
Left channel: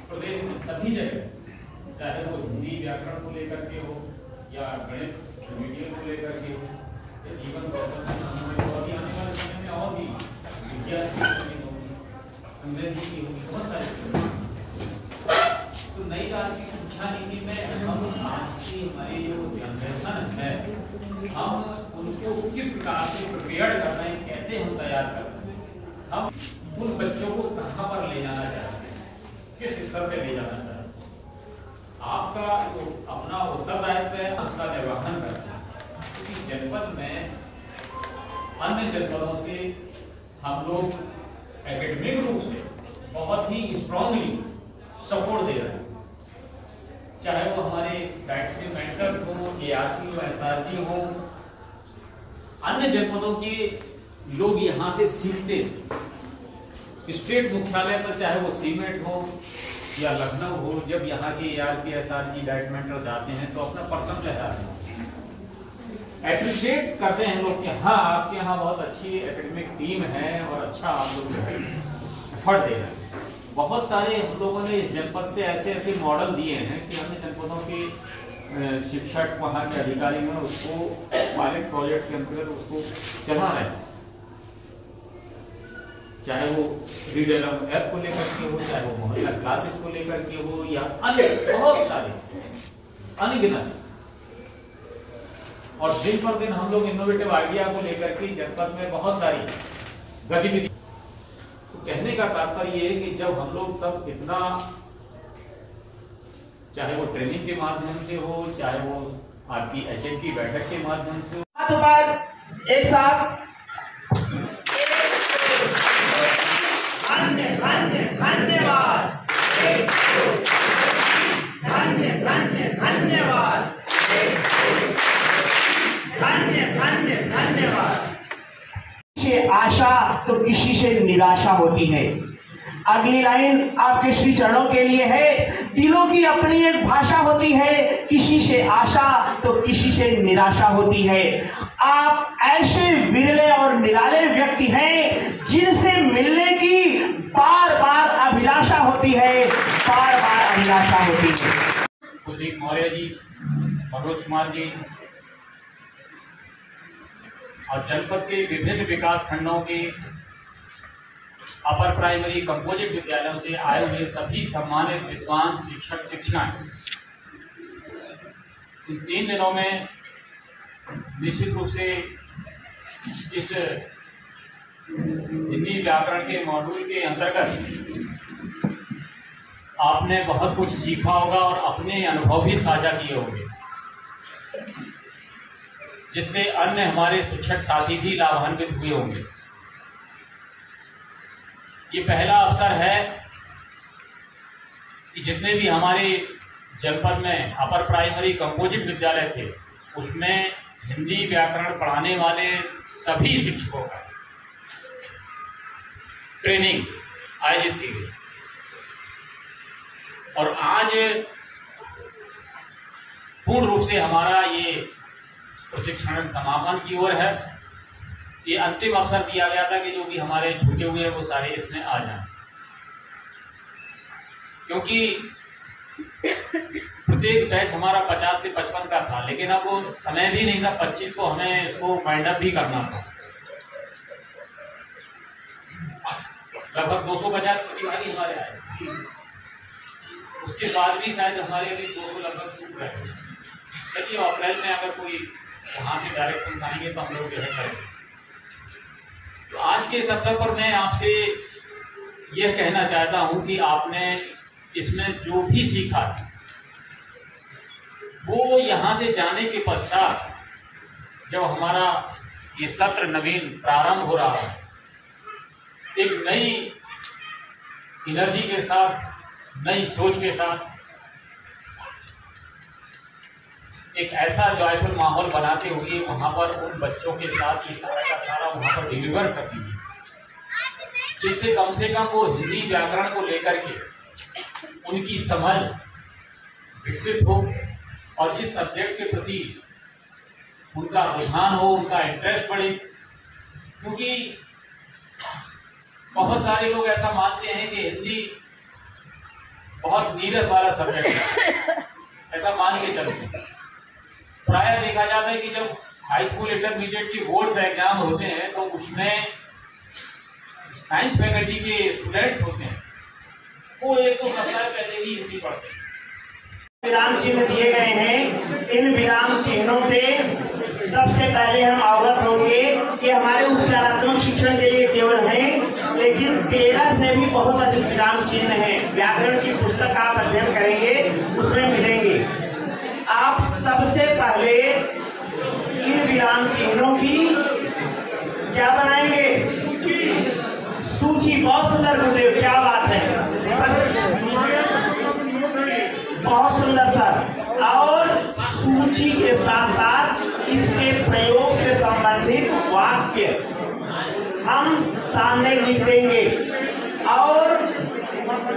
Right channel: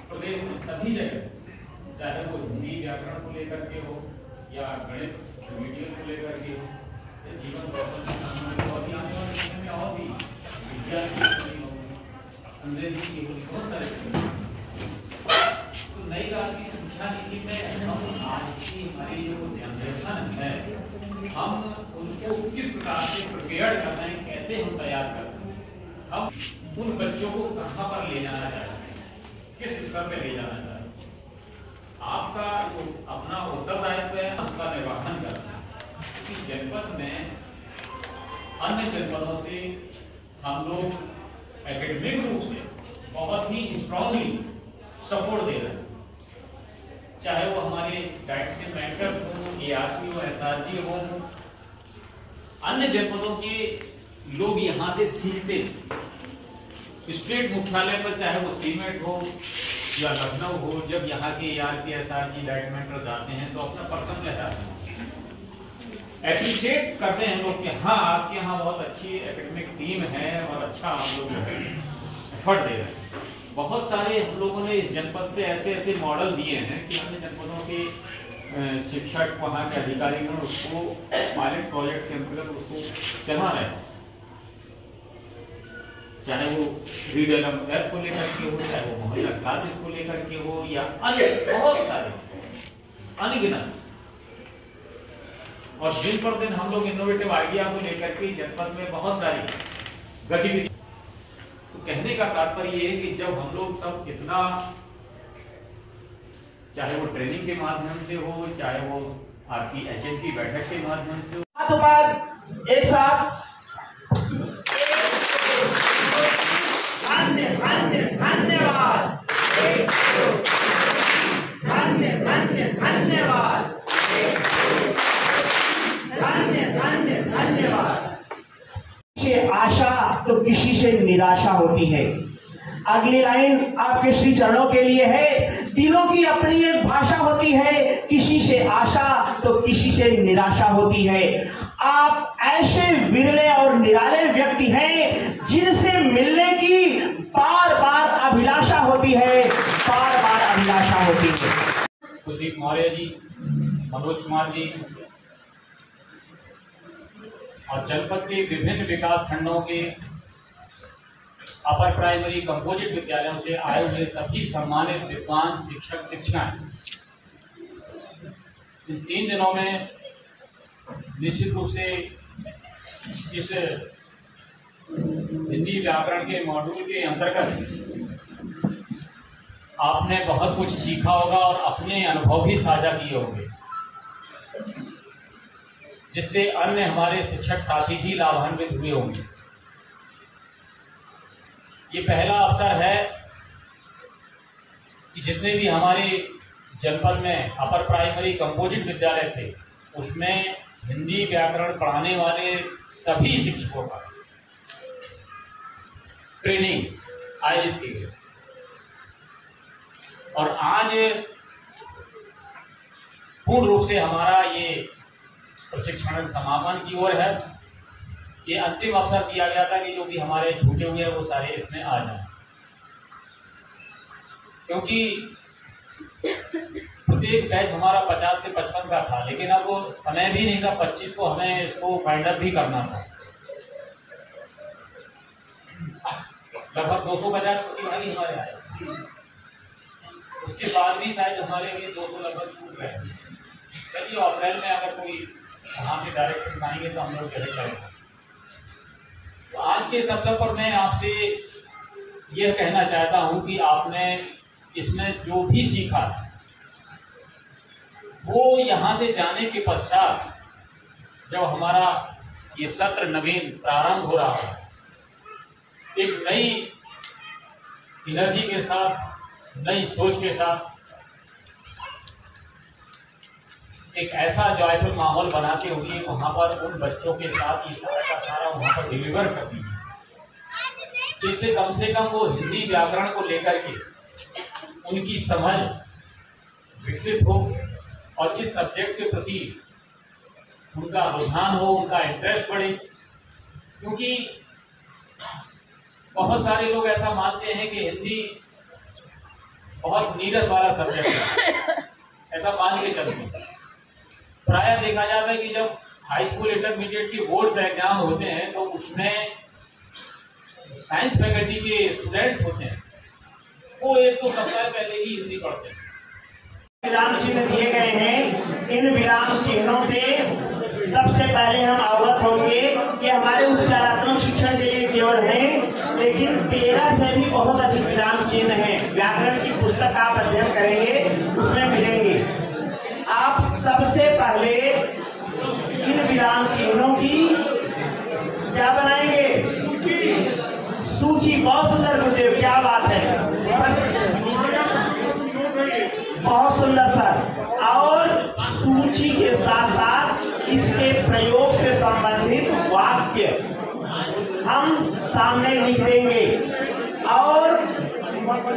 प्रदेश में सभी जगह, चाहे वो हिंदी व्याकरण को लेकर के हो या गणित मीडियम को लेकर के हो या जीवन कौशल और आने वाले समय में और भी विज्ञान अंग्रेजी की बहुत सारे। तो नई राष्ट्रीय शिक्षा नीति में हम आज की हमारी जो जनरेशन है हम उनको किस प्रकार से प्रिपेयर कर रहे हैं, कैसे हम तैयार कर रहे हैं, हम उन बच्चों को कहाँ पर ले जाना चाहते हैं, किस स्तर पे ले जाना चाहते हैं। आपका जो अपना उत्तरदायित्व है उसका निर्वहन करना है, क्योंकि जनपद में अन्य जनपदों से हम लोग एकेडमिक रूप से बहुत ही स्ट्रांगली सपोर्ट दे रहे हैं, चाहे वो हमारे डायरेक्ट मेंटर्स हो, एआरपी हो, एसआरजी हो, अन्य जनपदों के लोग यहाँ से सीखते हैं। स्टेट मुख्यालय पर चाहे वो सीमेंट हो या लखनऊ हो, जब यहाँ के एआरपी एसआरजी डायरेक्ट मेंटर जाते हैं तो अपना पर्सन लहराते हैं, एप्रिशिएट करते हैं लोग कि हाँ आपके यहाँ बहुत अच्छी एकेडमिक टीम है और अच्छा आप लोग एफर्ट दे रहे हैं। बहुत सारे हम लोगों ने इस जनपद से ऐसे ऐसे मॉडल दिए हैं कि अन्य जनपदों के शिक्षक वहाँ के अधिकारी ने उसको पायलट प्रोजेक्ट के अंतर्गत उसको चला रहे हैं, चाहे वो रीडर ऐप को लेकर के हो, चाहे वो मोहल्ला क्लासेस को लेकर के हो या अन्य बहुत सारे अनगिनत। और दिन पर दिन हम लोग इनोवेटिव आइडिया को लेकर के जनपद में बहुत सारी गतिविधि। तो कहने का तात्पर्य ये है कि जब हम लोग सब इतना, चाहे वो ट्रेनिंग के माध्यम से हो, चाहे वो आपकी एचएम की बैठक के माध्यम से हो, हाथों पर एक साथ धन्यवाद, धन्यवाद। आशा तो किसी से निराशा होती है। अगली लाइन आपके श्री चरणों के लिए है। दिलों की अपनी एक भाषा होती है, किसी से आशा तो किसी से निराशा होती है। आप ऐसे विरले और निराले व्यक्ति हैं जिनसे मिलने की बार बार अभिलाषा होती है, बार बार अभिलाषा होती है। कुलदीप मौर्य जी, मनोज कुमार जी और जनपद के विभिन्न विकास खंडों के अपर प्राइमरी कंपोजिट विद्यालयों से आए हुए सभी सम्मानित विद्वान शिक्षक शिक्षाएं इन 3 दिनों में निश्चित रूप से इस हिंदी व्याकरण के मॉड्यूल के अंतर्गत आपने बहुत कुछ सीखा होगा और अपने अनुभव भी साझा किए होंगे, जिससे अन्य हमारे शिक्षक साथी भी लाभान्वित हुए होंगे। ये पहला अवसर है कि जितने भी हमारे जनपद में अपर प्राइमरी कंपोजिट विद्यालय थे उसमें हिंदी व्याकरण पढ़ाने वाले सभी शिक्षकों का ट्रेनिंग आयोजित की गई और आज पूर्ण रूप से हमारा ये प्रशिक्षण समापन की ओर है। ये अंतिम अवसर दिया गया था कि जो भी हमारे छूटे हुए हैं वो सारे इसमें आ जाएं, क्योंकि प्रत्येक बैच हमारा 50 से 55 का था, लेकिन अब वो समय भी नहीं था 25 को हमें इसको वाइंड अप भी करना था। लगभग 250 प्रतिभागी हमारे आए, उसके बाद भी शायद हमारे भी 200 लगभग छूट रहे। चलिए अप्रैल में अगर कोई वहां से डायरेक्शन आएंगे तो हम लोग जो है करेंगे। तो आज के इस अवसर पर मैं आपसे ये कहना चाहता हूं कि आपने इसमें जो भी सीखा वो यहाँ से जाने के पश्चात जब हमारा ये सत्र नवीन प्रारंभ हो रहा है, एक नई एनर्जी के साथ, नई सोच के साथ, एक ऐसा जॉयफुल माहौल बनाते हुए वहां पर उन बच्चों के साथ ये सारा का सारा वहां पर डिलीवर करती है, जिससे कम से कम वो हिंदी व्याकरण को लेकर के उनकी समझ विकसित हो और इस सब्जेक्ट के प्रति उनका रुझान हो, उनका इंटरेस्ट बढ़े। क्योंकि बहुत सारे लोग ऐसा मानते हैं कि हिंदी बहुत नीरस वाला सब्जेक्ट है, ऐसा मान के चलते हैं। प्रायः देखा जाता है कि जब हाई स्कूल इंटरमीडिएट की बोर्ड्स एग्जाम होते हैं तो उसमें साइंस फैकल्टी के स्टूडेंट्स होते हैं, वो एक तो सप्ताह पहले ही हिंदी पढ़ते हैं। विराम चिन्ह दिए गए हैं, इन विराम चिन्हों से सबसे पहले हम अवगत होंगे कि हमारे उपचारात्मक शिक्षण के लिए केवल हैं, लेकिन 13 से भी बहुत अधिक विराम चिन्ह हैं। व्याकरण की पुस्तक आप अध्ययन करेंगे उसमें मिलेंगे। आप सबसे पहले इन विराम चिन्हों की क्या बनाएंगे? सूची। बहुत सुंदर गुरुदेव, क्या बात है, बहुत सुंदर सर। और सूची के साथ साथ इसके प्रयोग से संबंधित वाक्य हम सामने लिख देंगे और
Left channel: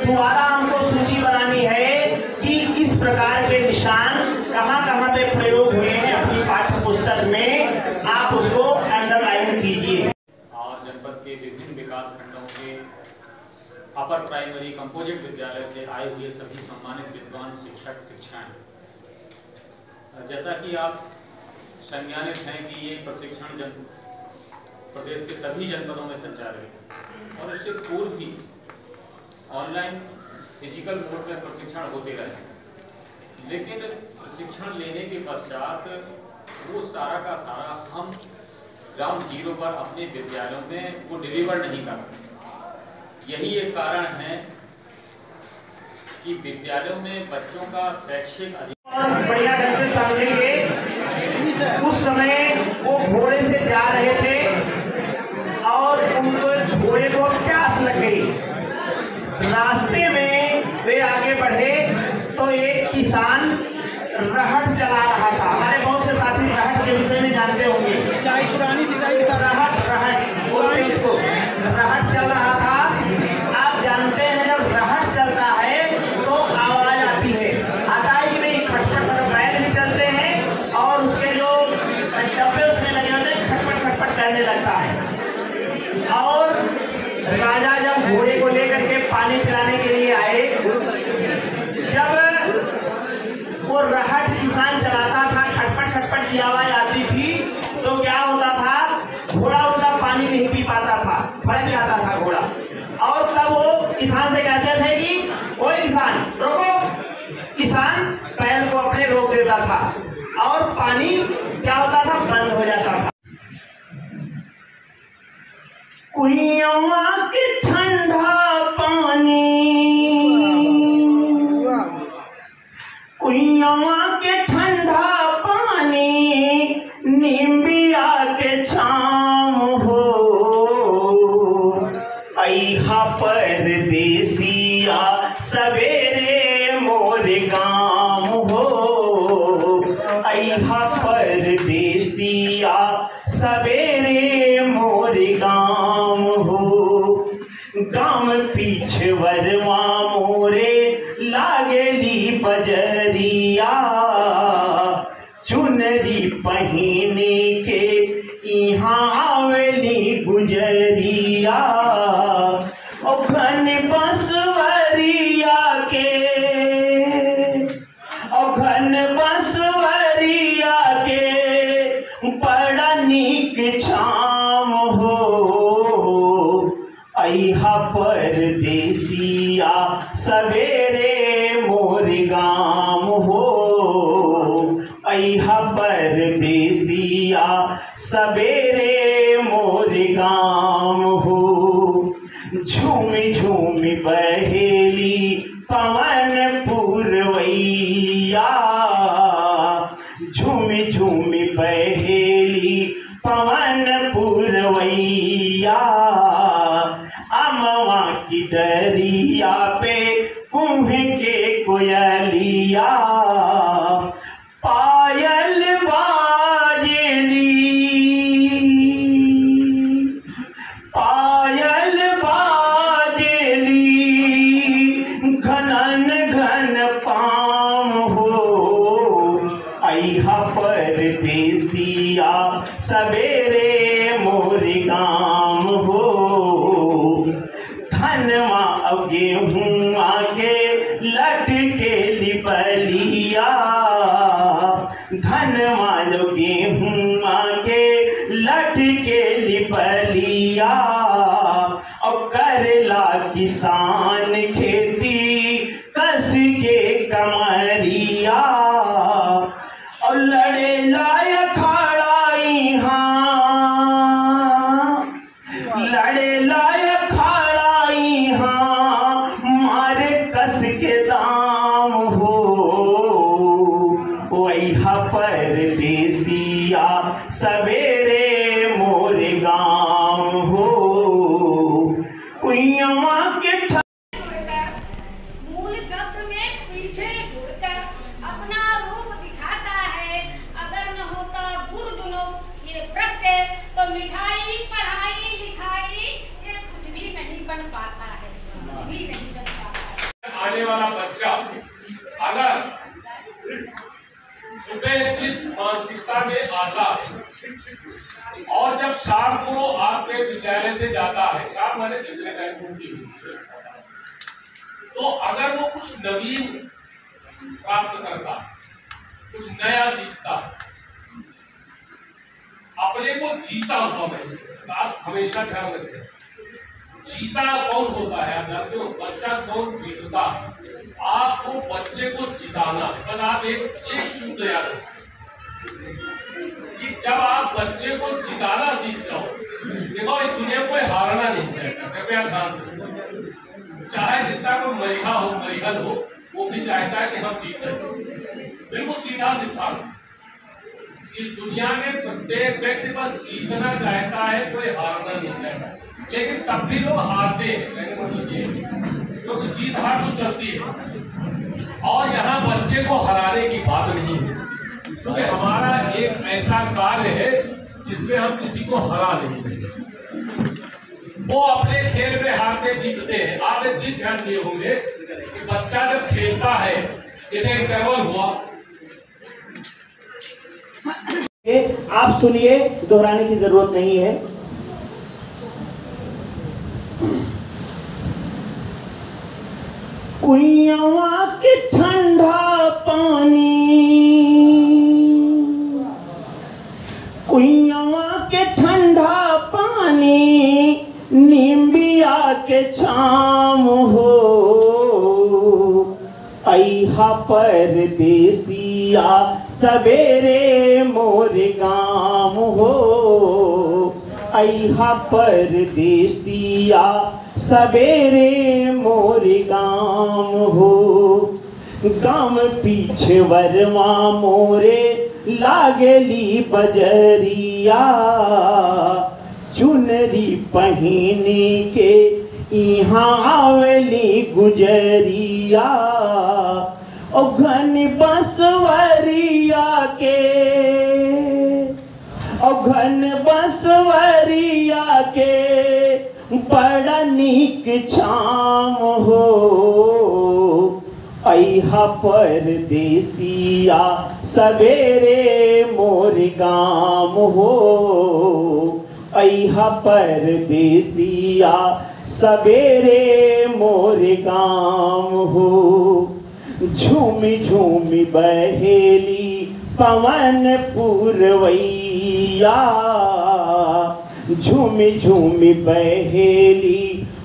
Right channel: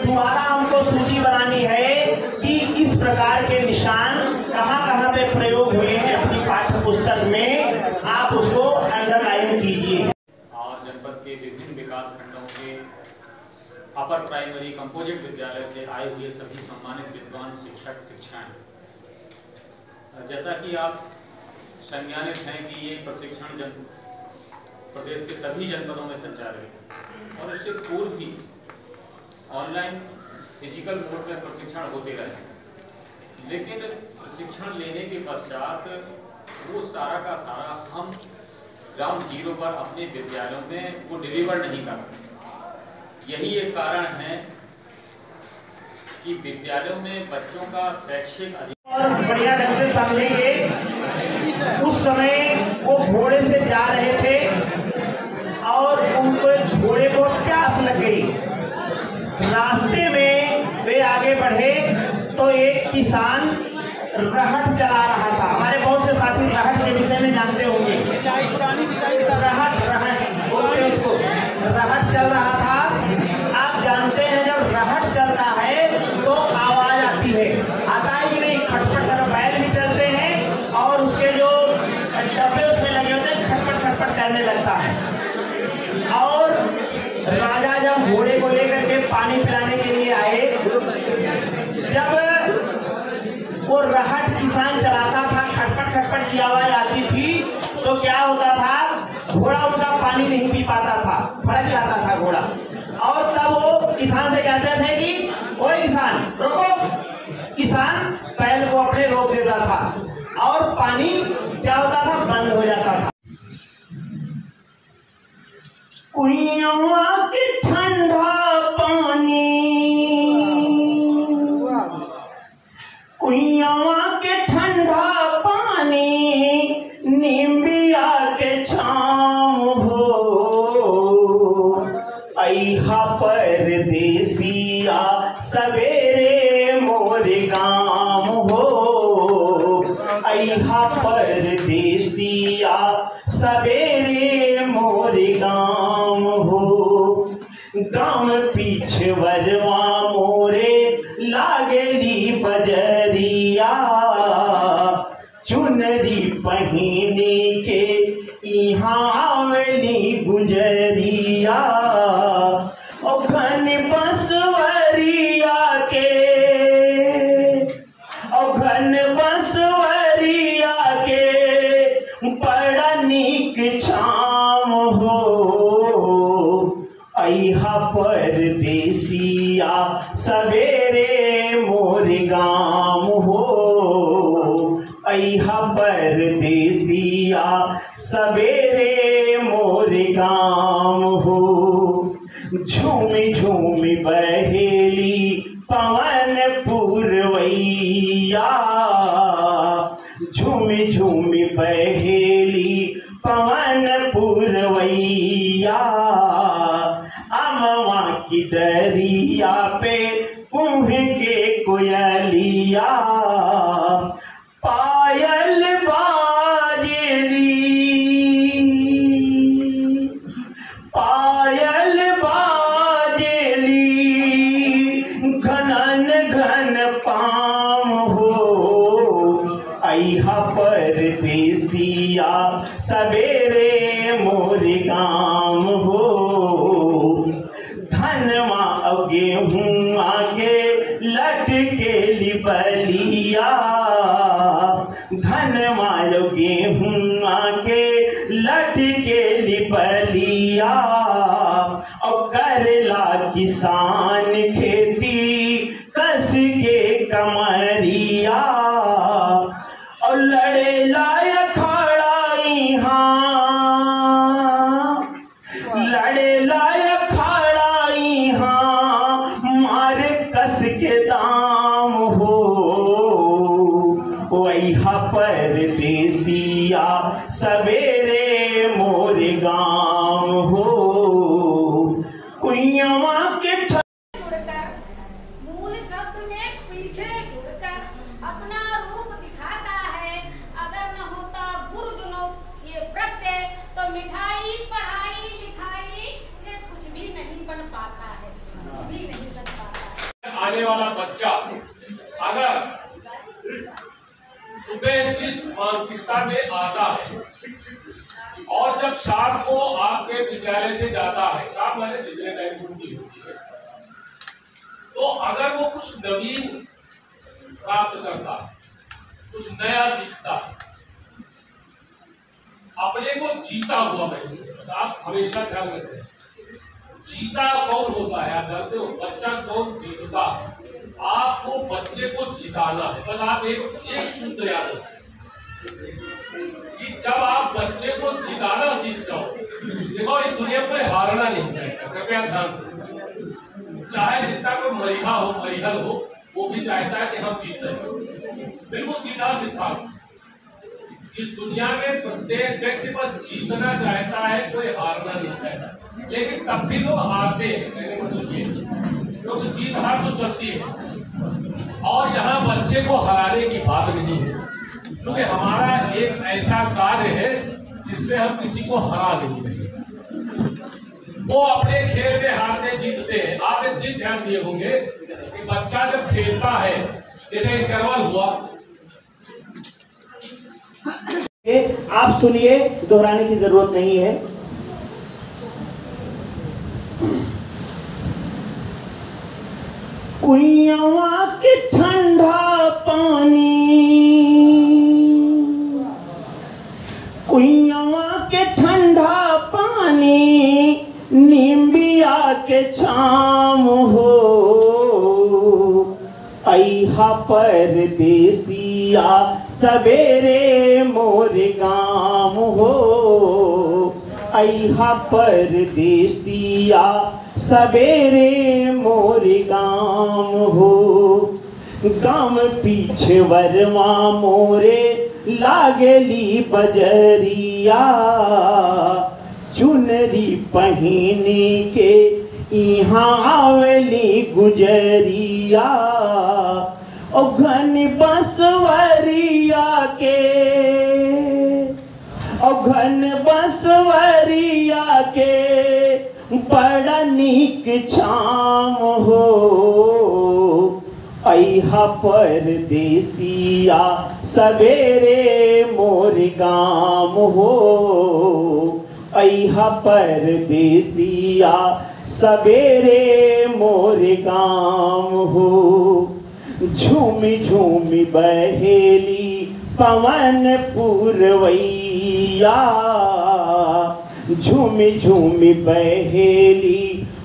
दोबारा हमको सूची बनानी है कि इस प्रकार के निशान कहाँ कहाँ पे प्रयोग हुए हैं अपनी पाठ्य पुस्तक में, आप उसको अंडरलाइन कीजिए। और जनपद के विभिन्न विकास खंडों के अपर प्राइमरी कंपोजिट विद्यालय से आए हुए सभी सम्मानित विद्वान शिक्षक शिक्षाएं, जैसा कि आप संज्ञानित हैं कि ये प्रशिक्षण प्रदेश के सभी जनपदों में संचालित है और इससे पूर्व भी ऑनलाइन फिजिकल मोड में प्रशिक्षण होते रहे, लेकिन प्रशिक्षण लेने के पश्चात वो सारा का सारा हम ग्राउंड जीरो पर अपने विद्यालयों में वो डिलीवर नहीं कर पाते। यही एक कारण है कि विद्यालयों में बच्चों का शैक्षिक बढ़िया ढंग से समझेंगे। उस समय वो घोड़े से जा रहे थे और उनको घोड़े को प्यास लग गई। रास्ते में वे आगे बढ़े तो एक किसान रहट चला रहा था। हमारे बहुत से साथी रहट के विषय में जानते होंगे। रहट बोलते हैं उसको। रहट चल रहा था। आप जानते हैं जब रहट चलता है तो आवाज आती है, आता है कि नहीं? खटपट खटपट बैल भी चलते हैं और उसके जो डब्बे उसमें लगे होते हैं खटपट खटपट करने लगता है। और राजा जब घोड़े को लेकर के पानी पिलाने के लिए आए, जब वो रहट किसान चलाता था, खटपट खटपट की आवाज आती थी तो क्या होता था? घोड़ा उनका पानी नहीं पी पाता था, फड़क जाता था घोड़ा। और तब वो किसान से कहते थे कि ओए किसान रोको। किसान बैल को अपने रोक देता था और पानी क्या होता था? बंद हो जाता था। कुइयां के ठंडा पानी, कुइयां के ठंडा पानी, नींबिया के छाम हो। अइहा परदेसिया सवेरे मोर गाम हो। अइहा परदेसिया सवेरे मोर गाम हो। गाम पीछवरवा मोरे लागली बजरिया, चुनरी पहिने के यहाँ आवली गुजरिया। ओ घन बसवरिया के, ओ घन बसवरिया के बड़ा नीक छाम हो। अइहा परदेसिया सवेरे मोर गाम हो। अइहा परदेसिया सवेरे मोर गाम हो। झूम झूम बहेली पवन पुरवैया, झूमी झूमी बहेली पवन पुरवैया, अमवा की डरिया पे कुम्भ के कोयलिया, पायल बाजेली, पायल बाजेली, घनन घन पाम हो, अइहा परदेसिया सवेरे मोर गाम हो, धनवा अब गेहूं आगे लटके लिबलिया, धनवा अब गेहूं आगे लटके लिबलिया, और करेला किसान खेती कस के कमरिया, और लड़े लायक खड़ाई हाँ, लड़े लायक खड़ाई हाँ, मारे कस के दाम हो, वैहा परदेसिया सवेरे मोर गाँव हो, कुइयावा के मूल शब्द में पीछे जुड़कर अपना रूप दिखाता है। अगर न होता गुरुजनों ये प्रत्यय तो मिठाई पढ़ाई लिखाई ये कुछ भी नहीं बन पाता है, कुछ भी नहीं बन पाता है। आने वाला बच्चा अगर सुबह जिस मानसिकता में आता है और जब शाम को आपके विद्यालय से जाता है, शाम वाले जितने टाइम छुट्टी होती है, तो अगर वो कुछ नवीन प्राप्त करता है, कुछ नया सीखता है, अपने को जीता हुआ महसूस करता। आप हमेशा ध्यान रखें, जीता कौन होता है? आप जानते हो बच्चा कौन जीतता है? आपको बच्चे को जिताना है। बस आप एक सूत्र याद रखें कि जब आप बच्चे को जिताना सीख जाओ, देखो इस दुनिया में कोई हारना नहीं चाहता, कृपया ध्यान दें। चाहे जितना कोई मरिहा हो, मरिहल हो, वो भी चाहता है कि हम जीते। बिल्कुल सीधा सिद्धांत। इस दुनिया में प्रत्येक व्यक्ति बस जीतना चाहता है, कोई हारना नहीं चाहता। लेकिन तब भी लोग हारते हैं, कहने मतलब ये क्योंकि जीत हार तो चलती है। और यहाँ बच्चे को हराने की बात नहीं है, क्योंकि हमारा एक ऐसा कार्य है जिसमें हम किसी को हरा नहीं देते। वो अपने खेल में हारते जीतते हैं। आप एक चीज ध्यान दिए होंगे कि बच्चा जब खेलता है, जैसे इंटरवल हुआ, आप सुनिए, दोहराने की जरूरत नहीं है। कुइयावा के ठंडा पानी, कुइयावा के ठंडा पानी, नींबिया के छाम हो, अइहा परदेसिया सवेरे मोर गाम हो, अइहा परदेसिया सवेरे मोर गाम हो, गाम पीछे वरवा मोरे लागली बजरिया, चुनरी पहनी के यहाँ आवेली गुजरिया, ओ घन बसवरिया के, ओ घन बसवरिया के, बड़ा नीक छाम हो, अइहा परदेसिया सवेरे मोर गाम हो, अइहा परदेसिया सवेरे मोर गाम हो, झूमी झूमी बहेली पवन पुरवैया, झूमी झूमी बहेली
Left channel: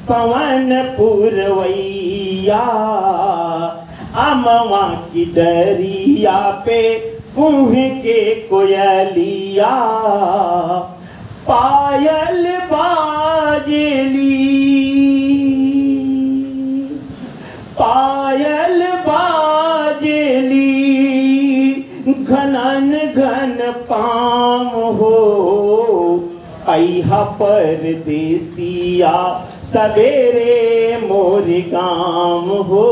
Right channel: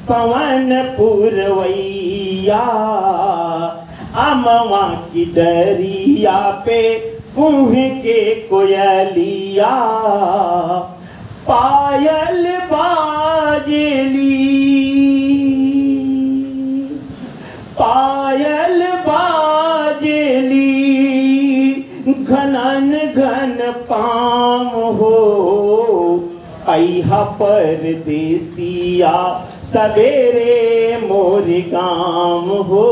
पवन पुरवैया, अमवा की डरिया पे कुम्भ के कोयलिया, पायल बाजेली, घनन घन पाम हो, अहा परदेसिया सवेरे मोर गाम हो।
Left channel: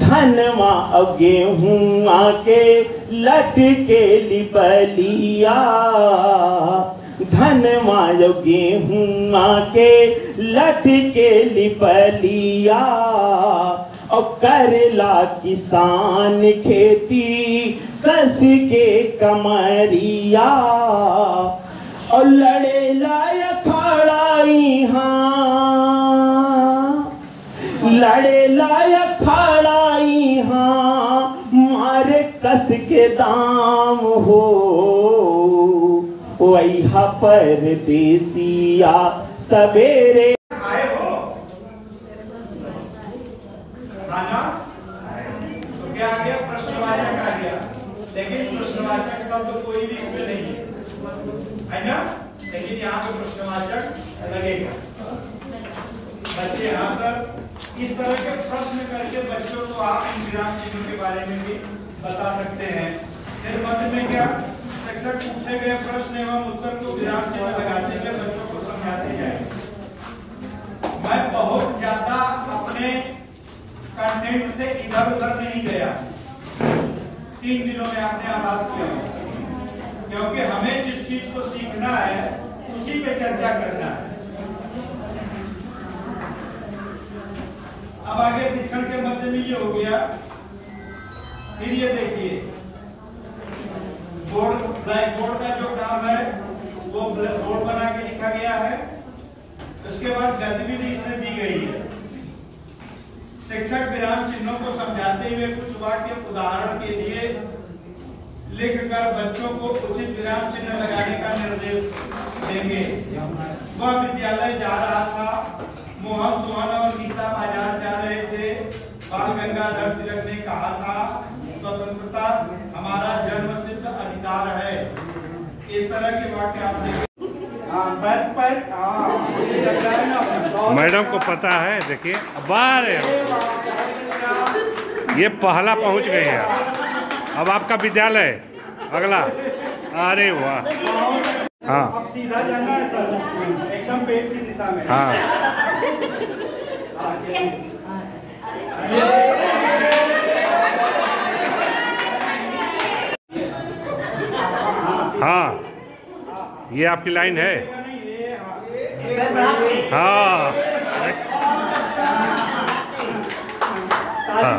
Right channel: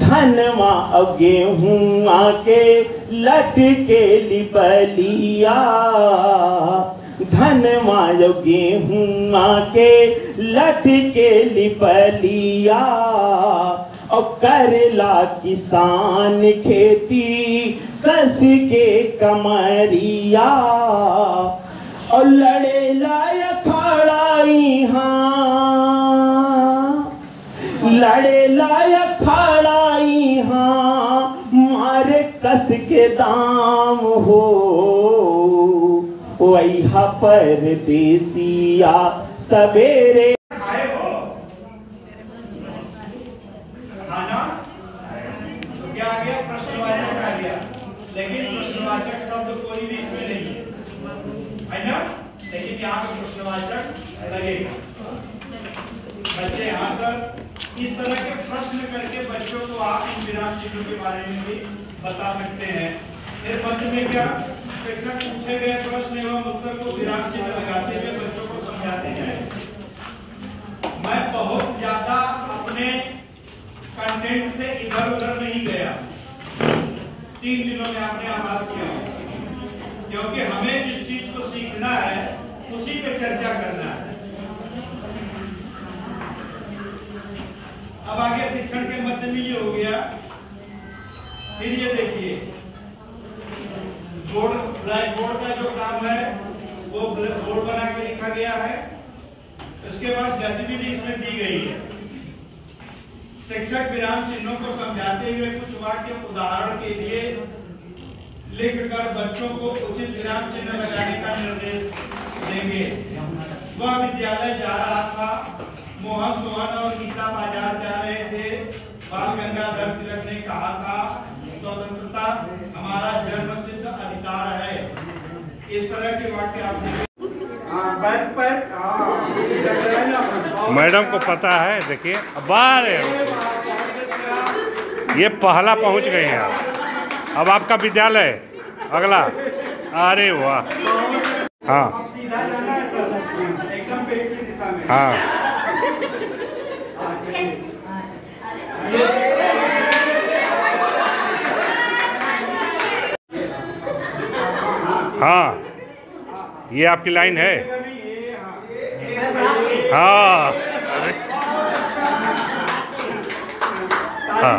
धनवा अब गेहूं आके लटके लिबलिया, धनवा अब गेहूं आके लटके लिबलिया। और करला किसान खेती कस के कमरिया, और लड़े लाया खड़ाई हाँ, लड़े लाया खड़ाई हाँ, मारे कस के दाम हो। वही परदेसिया सवेरे आना तो क्या आ गया, प्रश्नवाचक आ गया, लेकिन प्रश्नवाचक शब्द कोई भी इसमें नहीं है ना, लेकिन यहाँ पे प्रश्नवाचक लगेगा। बच्चे हाँ सर, इस तरह के प्रश्न करके बच्चों को आप इन विराम चिन्हों के बारे में भी बता सकते हैं। फिर मध्य में क्या, शिक्षक पूछे गए प्रश्न एवं उत्तर को विराम चिन्ह लगाते हुए बच्चों को समझाते जाए। मैं बहुत ज्यादा अपने कंटेंट से इधर उधर नहीं गया, 3 दिनों में आपने आभास किया, क्योंकि हमें जिस चीज को सीखना है उसी पे चर्चा करना है। अब आगे शिक्षण के मध्य में ये हो गया। फिर ये देखिए, बोर्ड, ब्लैक बोर्ड का जो काम है वो बोर्ड बना के लिखा गया है। इसके बाद गतिविधि इसमें दी गई है। शिक्षक विराम चिन्हों को समझाते हुए कुछ वाक्य उदाहरण के लिए लिखकर बच्चों को उचित विराम चिन्ह लगाने का निर्देश देंगे। वह विद्यालय जा रहा था, मोहन सुहाना और गीता बाजार जा रहे थे। बाल गंगाधर तिलक ने कहा था, स्वतंत्रता हमारा जन्मसिद्ध अधिकार है। इस तरह के वाक्य आपने मैडम को पता है। देखिए बार ये पहला पहुंच गए हैं आप। अब आपका विद्यालय अगला, अरे वाह, हाँ सीधा जाना है सर, एकदम पेट की दिशा में। हाँ हाँ, ये आपकी लाइन है। हाँ हाँ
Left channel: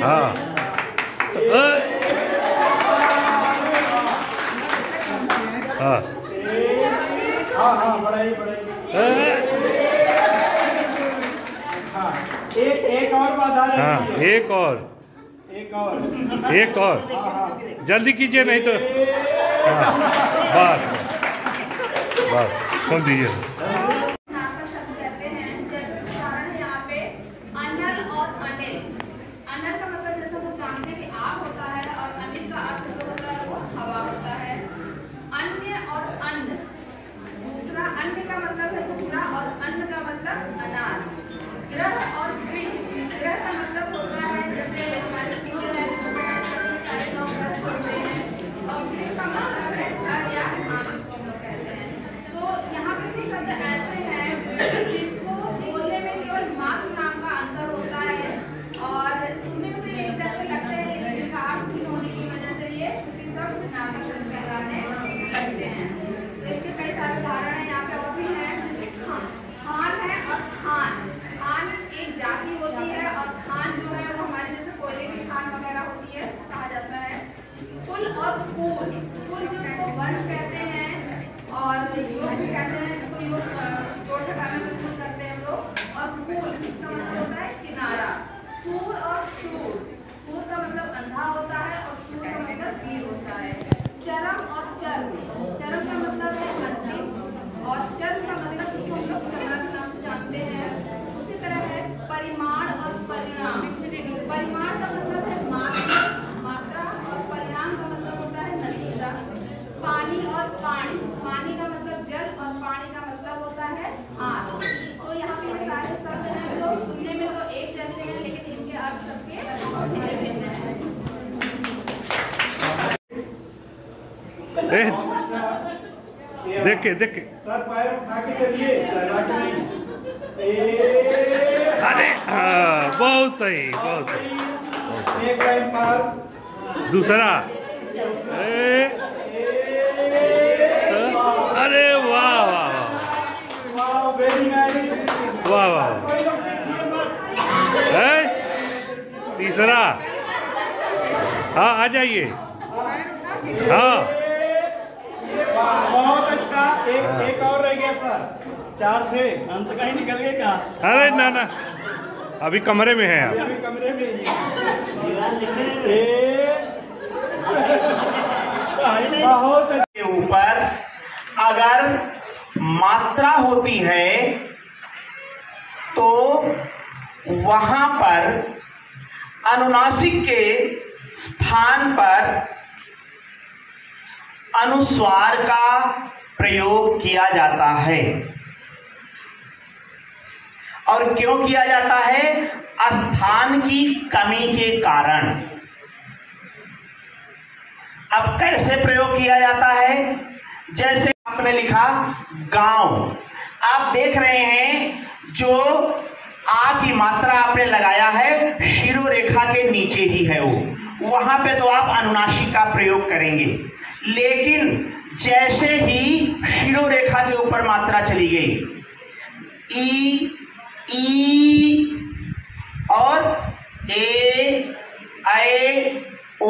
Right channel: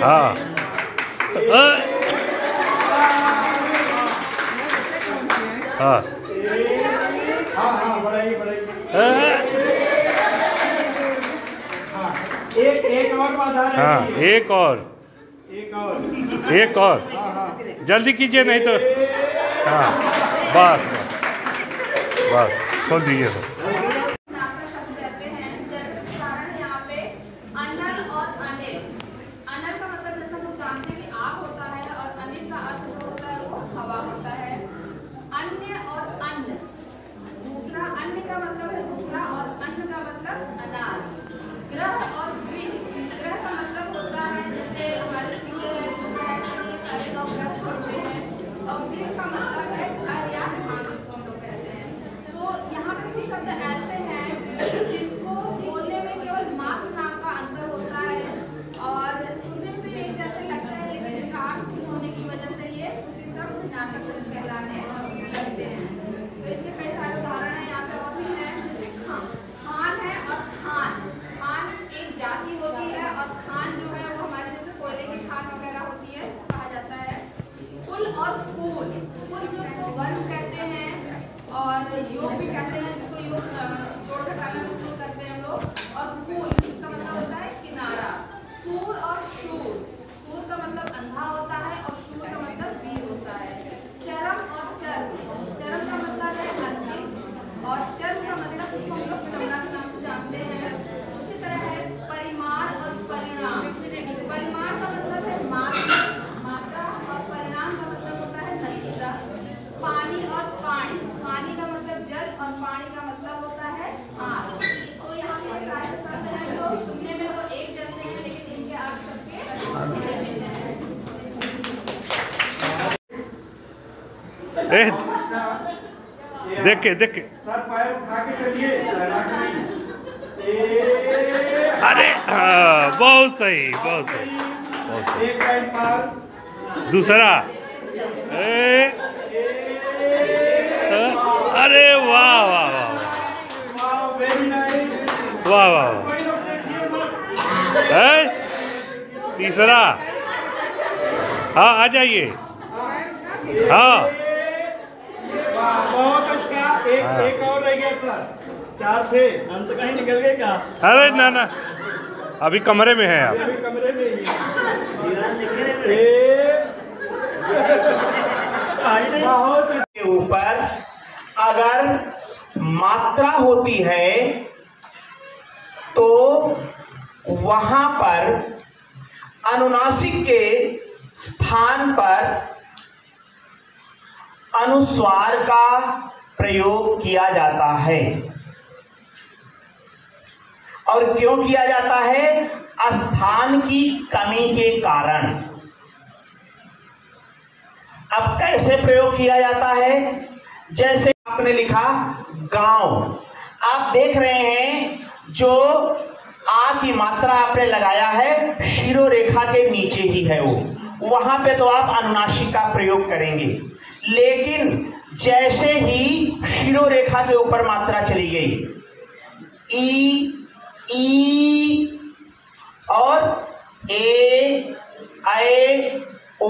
हाँ हाँ हाँ, बढ़ाइए हाँ, एक और बाधा है। हाँ, एक और जल्दी कीजिए, नहीं तो हाँ बस खोल दीजिए। कहते हैं, जैसे उदाहरण है यहाँ पे अनल और अनिल। अनल का मतलब जैसा हम जानते हैं कि आग होता है, और अनिल का अर्थ जो होता है वो हवा होता है। अन्य और अन्न, दूसरा अन्न का मतलब है दूसरा, और अन्न का मतलब अनाज। ग्रह और गृह, ग्रह का मतलब होता है जैसे हमारे सारे लोग ग्रह बोलते हैं, और गृह का मतलब है घर या खाना कहते हैं। तो यहाँ पे कुछ शब्द देख के सर पैर उठा के चलिए। अरे हाँ, बहुत सही, बहुत सही। एक लाइन पार। दूसरा। अरे वाह वाह वाह वाह वाह। तीसरा। हाँ आ जाइए। हाँ बहुत अच्छा। एक और रह गया सर, 4 थे, हम तो कहीं निकल गए क्या? अरे ना ना, अभी कमरे में है आप। अभी कमरे में बहुत के ऊपर अगर मात्रा होती है तो वहां पर अनुनासिक के स्थान पर अनुस्वार का प्रयोग किया जाता है। और क्यों किया जाता है? स्थान की कमी के कारण। अब कैसे प्रयोग किया जाता है? जैसे आपने लिखा गांव, आप देख रहे हैं जो आ की मात्रा आपने लगाया है शिरो रेखा के नीचे ही है, वो वहां पे तो आप अनुनासिक का प्रयोग करेंगे। लेकिन जैसे ही शिरो रेखा के ऊपर मात्रा चली गई, ई और ए, ओ,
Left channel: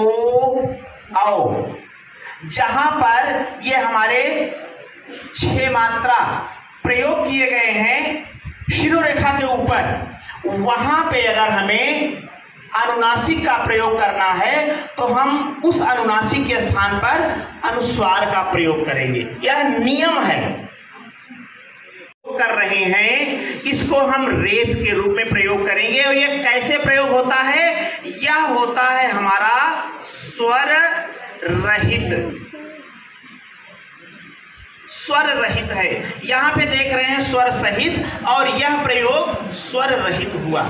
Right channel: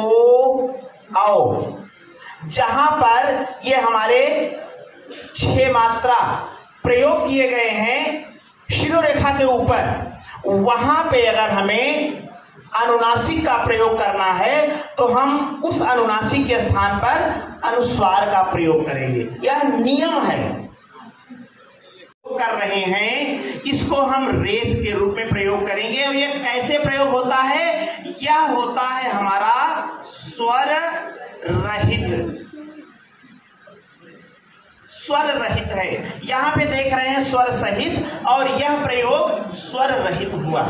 औ, जहां पर ये हमारे 6 मात्रा प्रयोग किए गए हैं शिरो रेखा के ऊपर, वहां पे अगर हमें अनुनासिक का प्रयोग करना है तो हम उस अनुनासिक के स्थान पर अनुस्वार का प्रयोग करेंगे। यह नियम है। कर रहे हैं इसको हम रेफ के रूप में प्रयोग करेंगे। और यह कैसे प्रयोग होता है? यह होता है हमारा स्वर रहित। स्वर रहित है, यहां पे देख रहे हैं स्वर सहित, और यह प्रयोग स्वर रहित हुआ।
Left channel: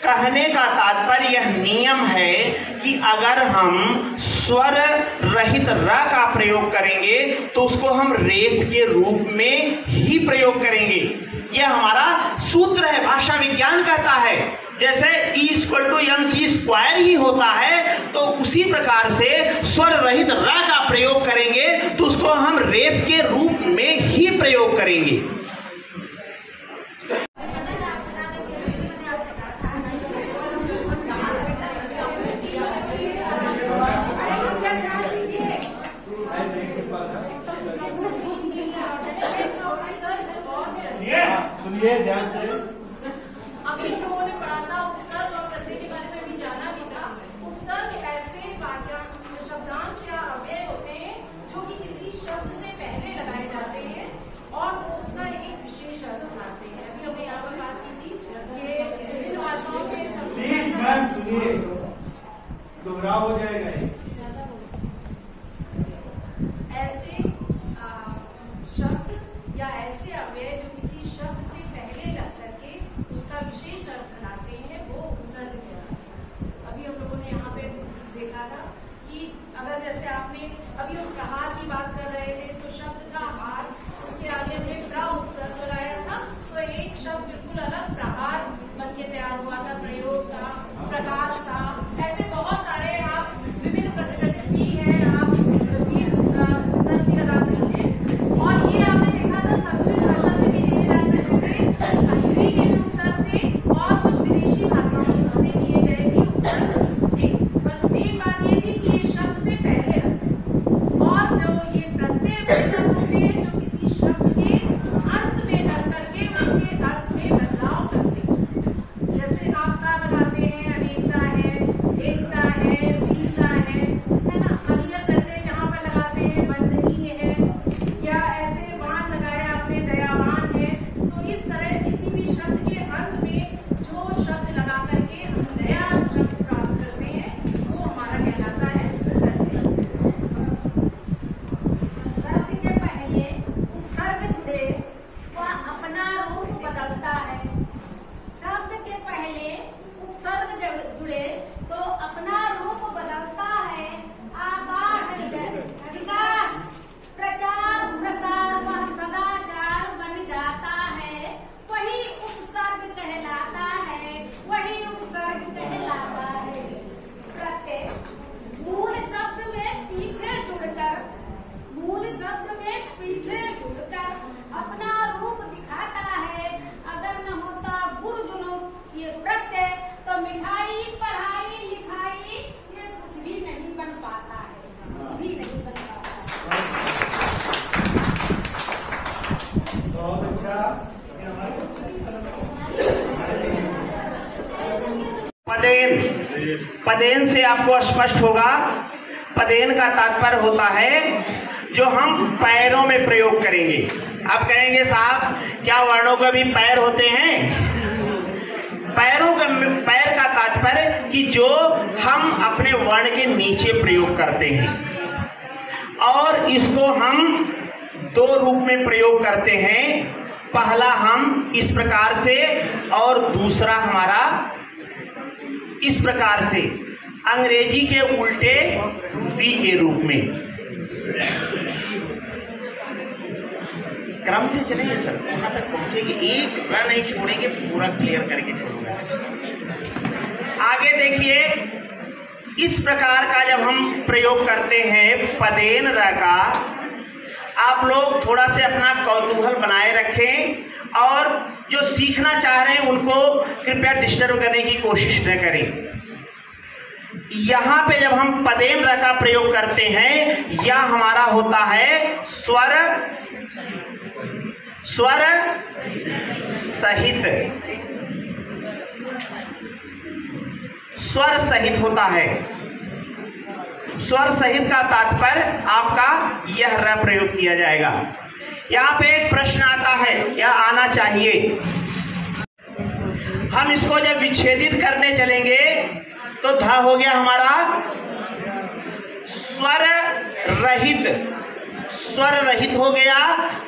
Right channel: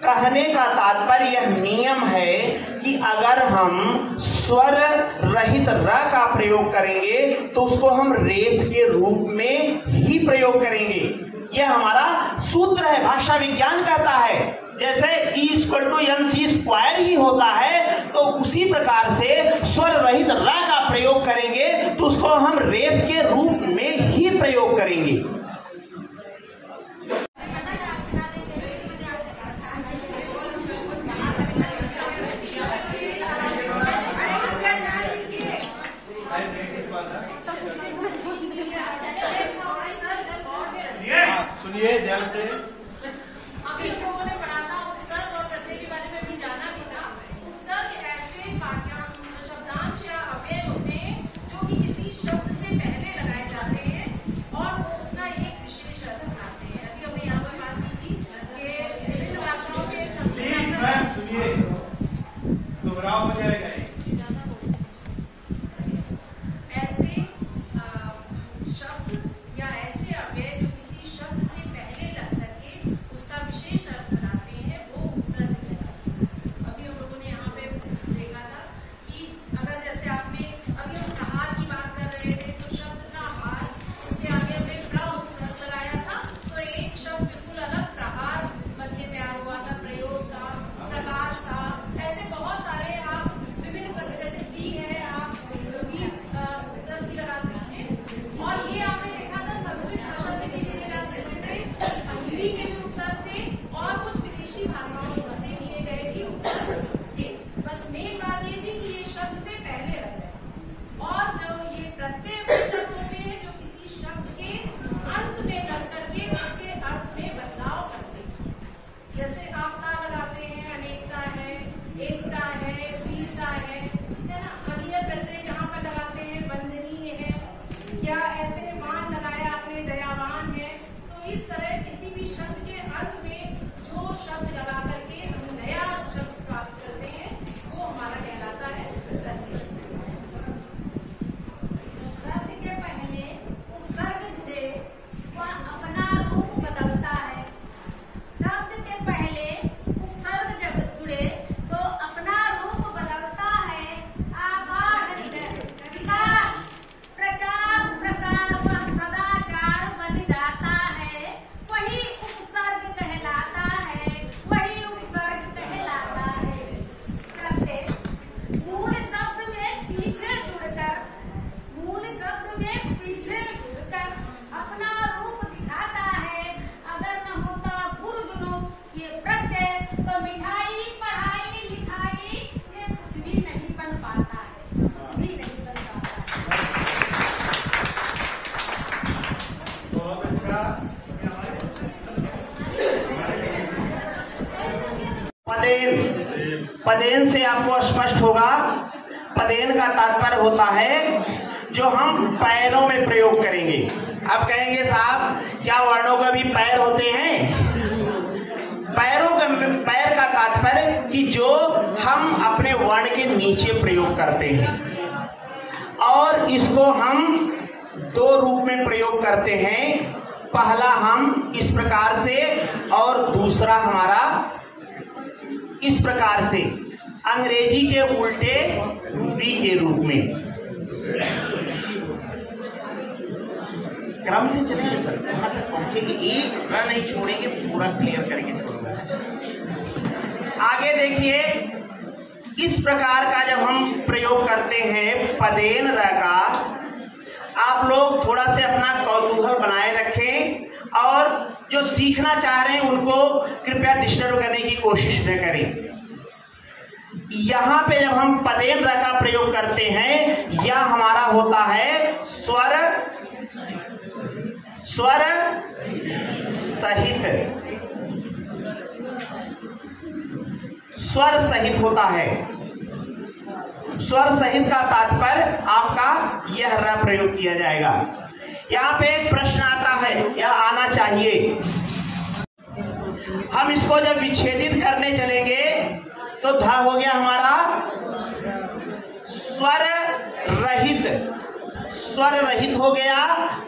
कहने का तात्पर्य यह नियम है कि अगर हम स्वर रहित र का प्रयोग करेंगे तो उसको हम रेफ के रूप में ही प्रयोग करेंगे। यह हमारा सूत्र है, भाषा विज्ञान कहता है। जैसे E = mc² ही होता है, तो उसी प्रकार से स्वर रहित र का प्रयोग करेंगे तो उसको हम रेफ के रूप में ही प्रयोग करेंगे। सुनिए ध्यान से। अभी लोगों ने पढ़ा था उपसर्ग और प्रत्यय के बारे में भी जाना भी था। उपसर्ग ऐसे वाक्यांश शब्दांश या अव्यय होते हैं जो कि किसी शब्द से पहले लगाए जाते हैं और उसका पदेन, पदेन से आपको स्पष्ट होगा। पदेन का तात्पर्य होता है जो हम पैरों में प्रयोग करेंगे। अब कहेंगे साहब क्या वर्णों का भी पैर होते हैं? पैरों का, पैर का तात्पर्य कि जो हम अपने वर्ण के नीचे प्रयोग करते हैं, और इसको हम दो रूप में प्रयोग करते हैं। पहला हम इस प्रकार से और दूसरा हमारा इस प्रकार से, अंग्रेजी के उल्टे वी के रूप में। क्रम से चलेंगे सर, वहां तक पहुंचेंगे, एक टुकड़ा नहीं छोड़ेंगे, पूरा क्लियर करके छोड़ूंगा। आगे देखिए, इस प्रकार का जब हम प्रयोग करते हैं पदेन र का, आप लोग थोड़ा से अपना कौतूहल बनाए रखें और जो सीखना चाह रहे हैं उनको कृपया डिस्टर्ब करने की कोशिश न करें। यहां पे जब हम पदेन र का प्रयोग करते हैं, यह हमारा होता है स्वर, स्वर सहित, स्वर सहित होता है। स्वर सहित का तात्पर्य आपका यह र प्रयोग किया जाएगा। यहाँ पे एक प्रश्न आता है या आना चाहिए, हम इसको जब विच्छेदित करने चलेंगे तो ध हो गया हमारा स्वर रहित, स्वर रहित हो गया।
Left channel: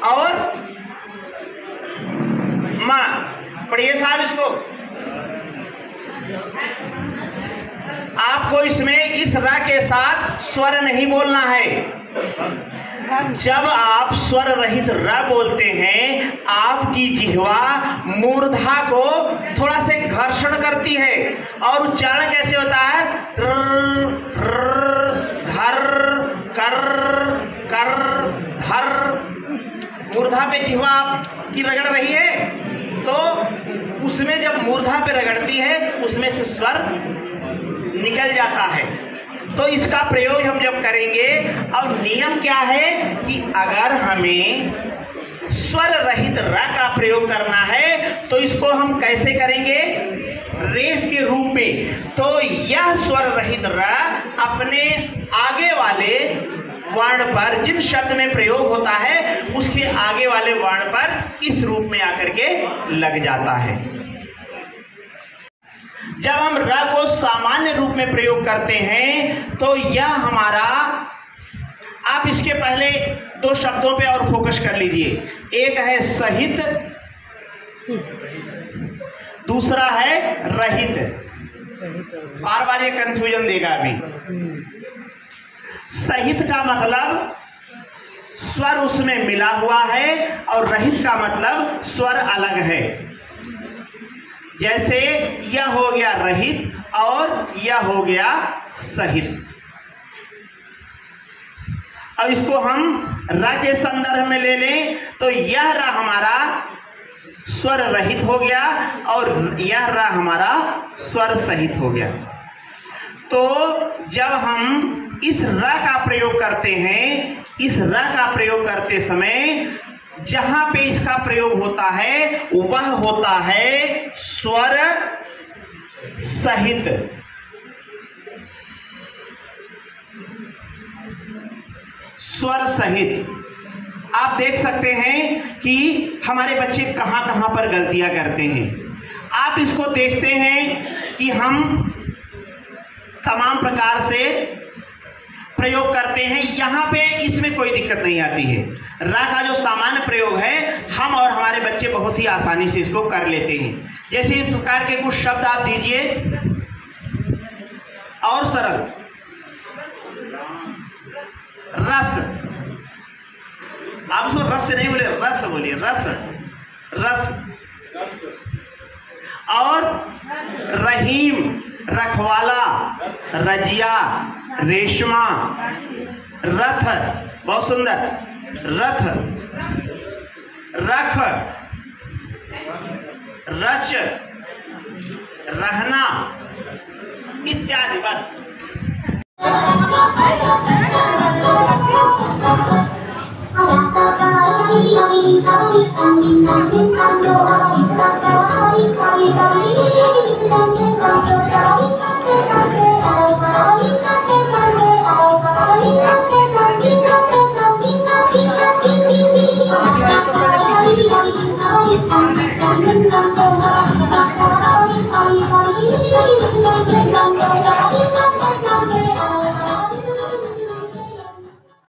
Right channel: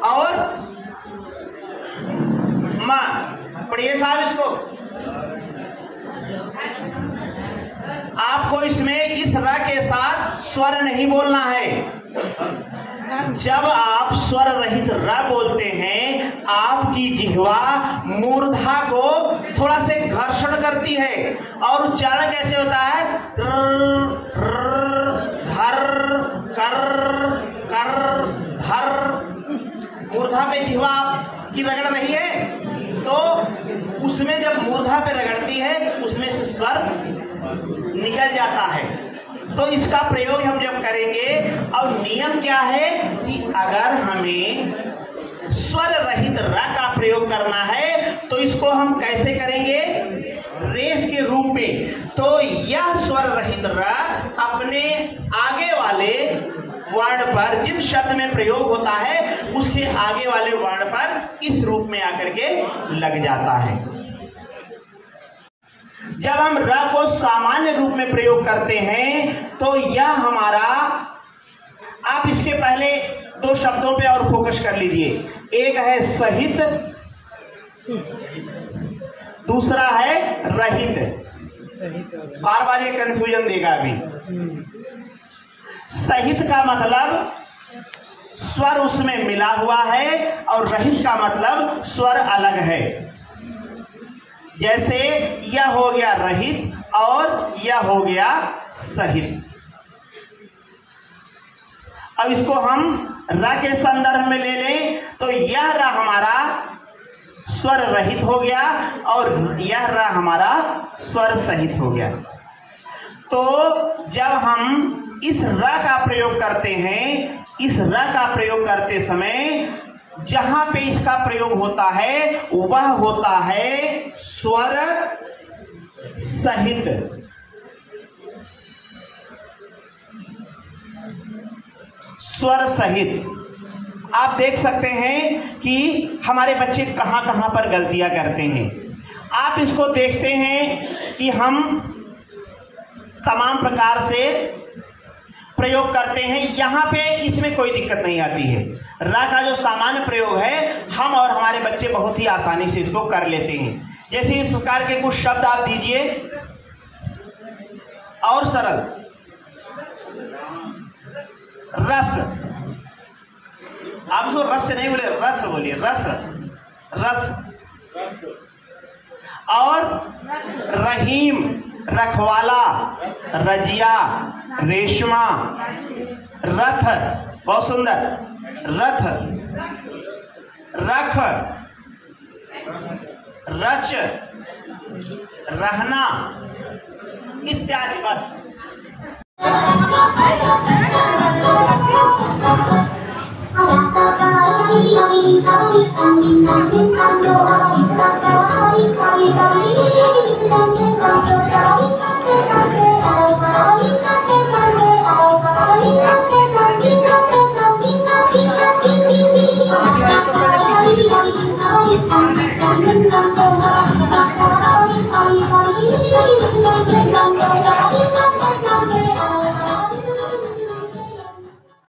और मां, पढ़िए साहब इसको, आपको इसमें इस र के साथ स्वर नहीं बोलना है। जब आप स्वर रहित र बोलते हैं, आपकी जिह्वा मूर्धा को थोड़ा से घर्षण करती है और उच्चारण कैसे होता है? धर कर कर धर। मूर्धा पे जिह्वा की रगड़ रही है, तो उसमें जब मूर्धा पे रगड़ती है उसमें से स्वर निकल जाता है। तो इसका प्रयोग हम जब करेंगे, अब नियम क्या है कि अगर हमें स्वर रहित र का प्रयोग करना है तो इसको हम कैसे करेंगे? रेफ के रूप में। तो यह स्वर रहित र अपने आगे वाले वर्ण पर, जिन शब्द में प्रयोग होता है उसके आगे वाले वर्ण पर इस रूप में आकर के लग जाता है। जब हम र को सामान्य रूप में प्रयोग करते हैं तो यह हमारा, आप इसके पहले दो शब्दों पे और फोकस कर लीजिए। एक है सहित, दूसरा है रहित। बार बार ये कंफ्यूजन देगा अभी। सहित का मतलब स्वर उसमें मिला हुआ है और रहित का मतलब स्वर अलग है। जैसे यह हो गया रहित और यह हो गया सहित। अब इसको हम र के संदर्भ में ले लें तो यह र हमारा स्वर रहित हो गया और यह र हमारा स्वर सहित हो गया। तो जब हम इस र का प्रयोग करते हैं, इस र का प्रयोग करते समय जहां पे इसका प्रयोग होता है वह होता है स्वर सहित। स्वर सहित आप देख सकते हैं कि हमारे बच्चे कहां कहां पर गलतियां करते हैं। आप इसको देखते हैं कि हम तमाम प्रकार से प्रयोग करते हैं, यहां पे इसमें कोई दिक्कत नहीं आती है। रा का जो सामान्य प्रयोग है हम और हमारे बच्चे बहुत ही आसानी से इसको कर लेते हैं। जैसे इस प्रकार के कुछ शब्द आप दीजिए और सरल। रस, आप उसको रस से नहीं बोले, रस बोलिए, रस, रस। और रहीम, रखवाला, रजिया, रेशमा, रथ, बहुत सुंदर, रथ, रख, रच, रहना इत्यादि। बस Thank you.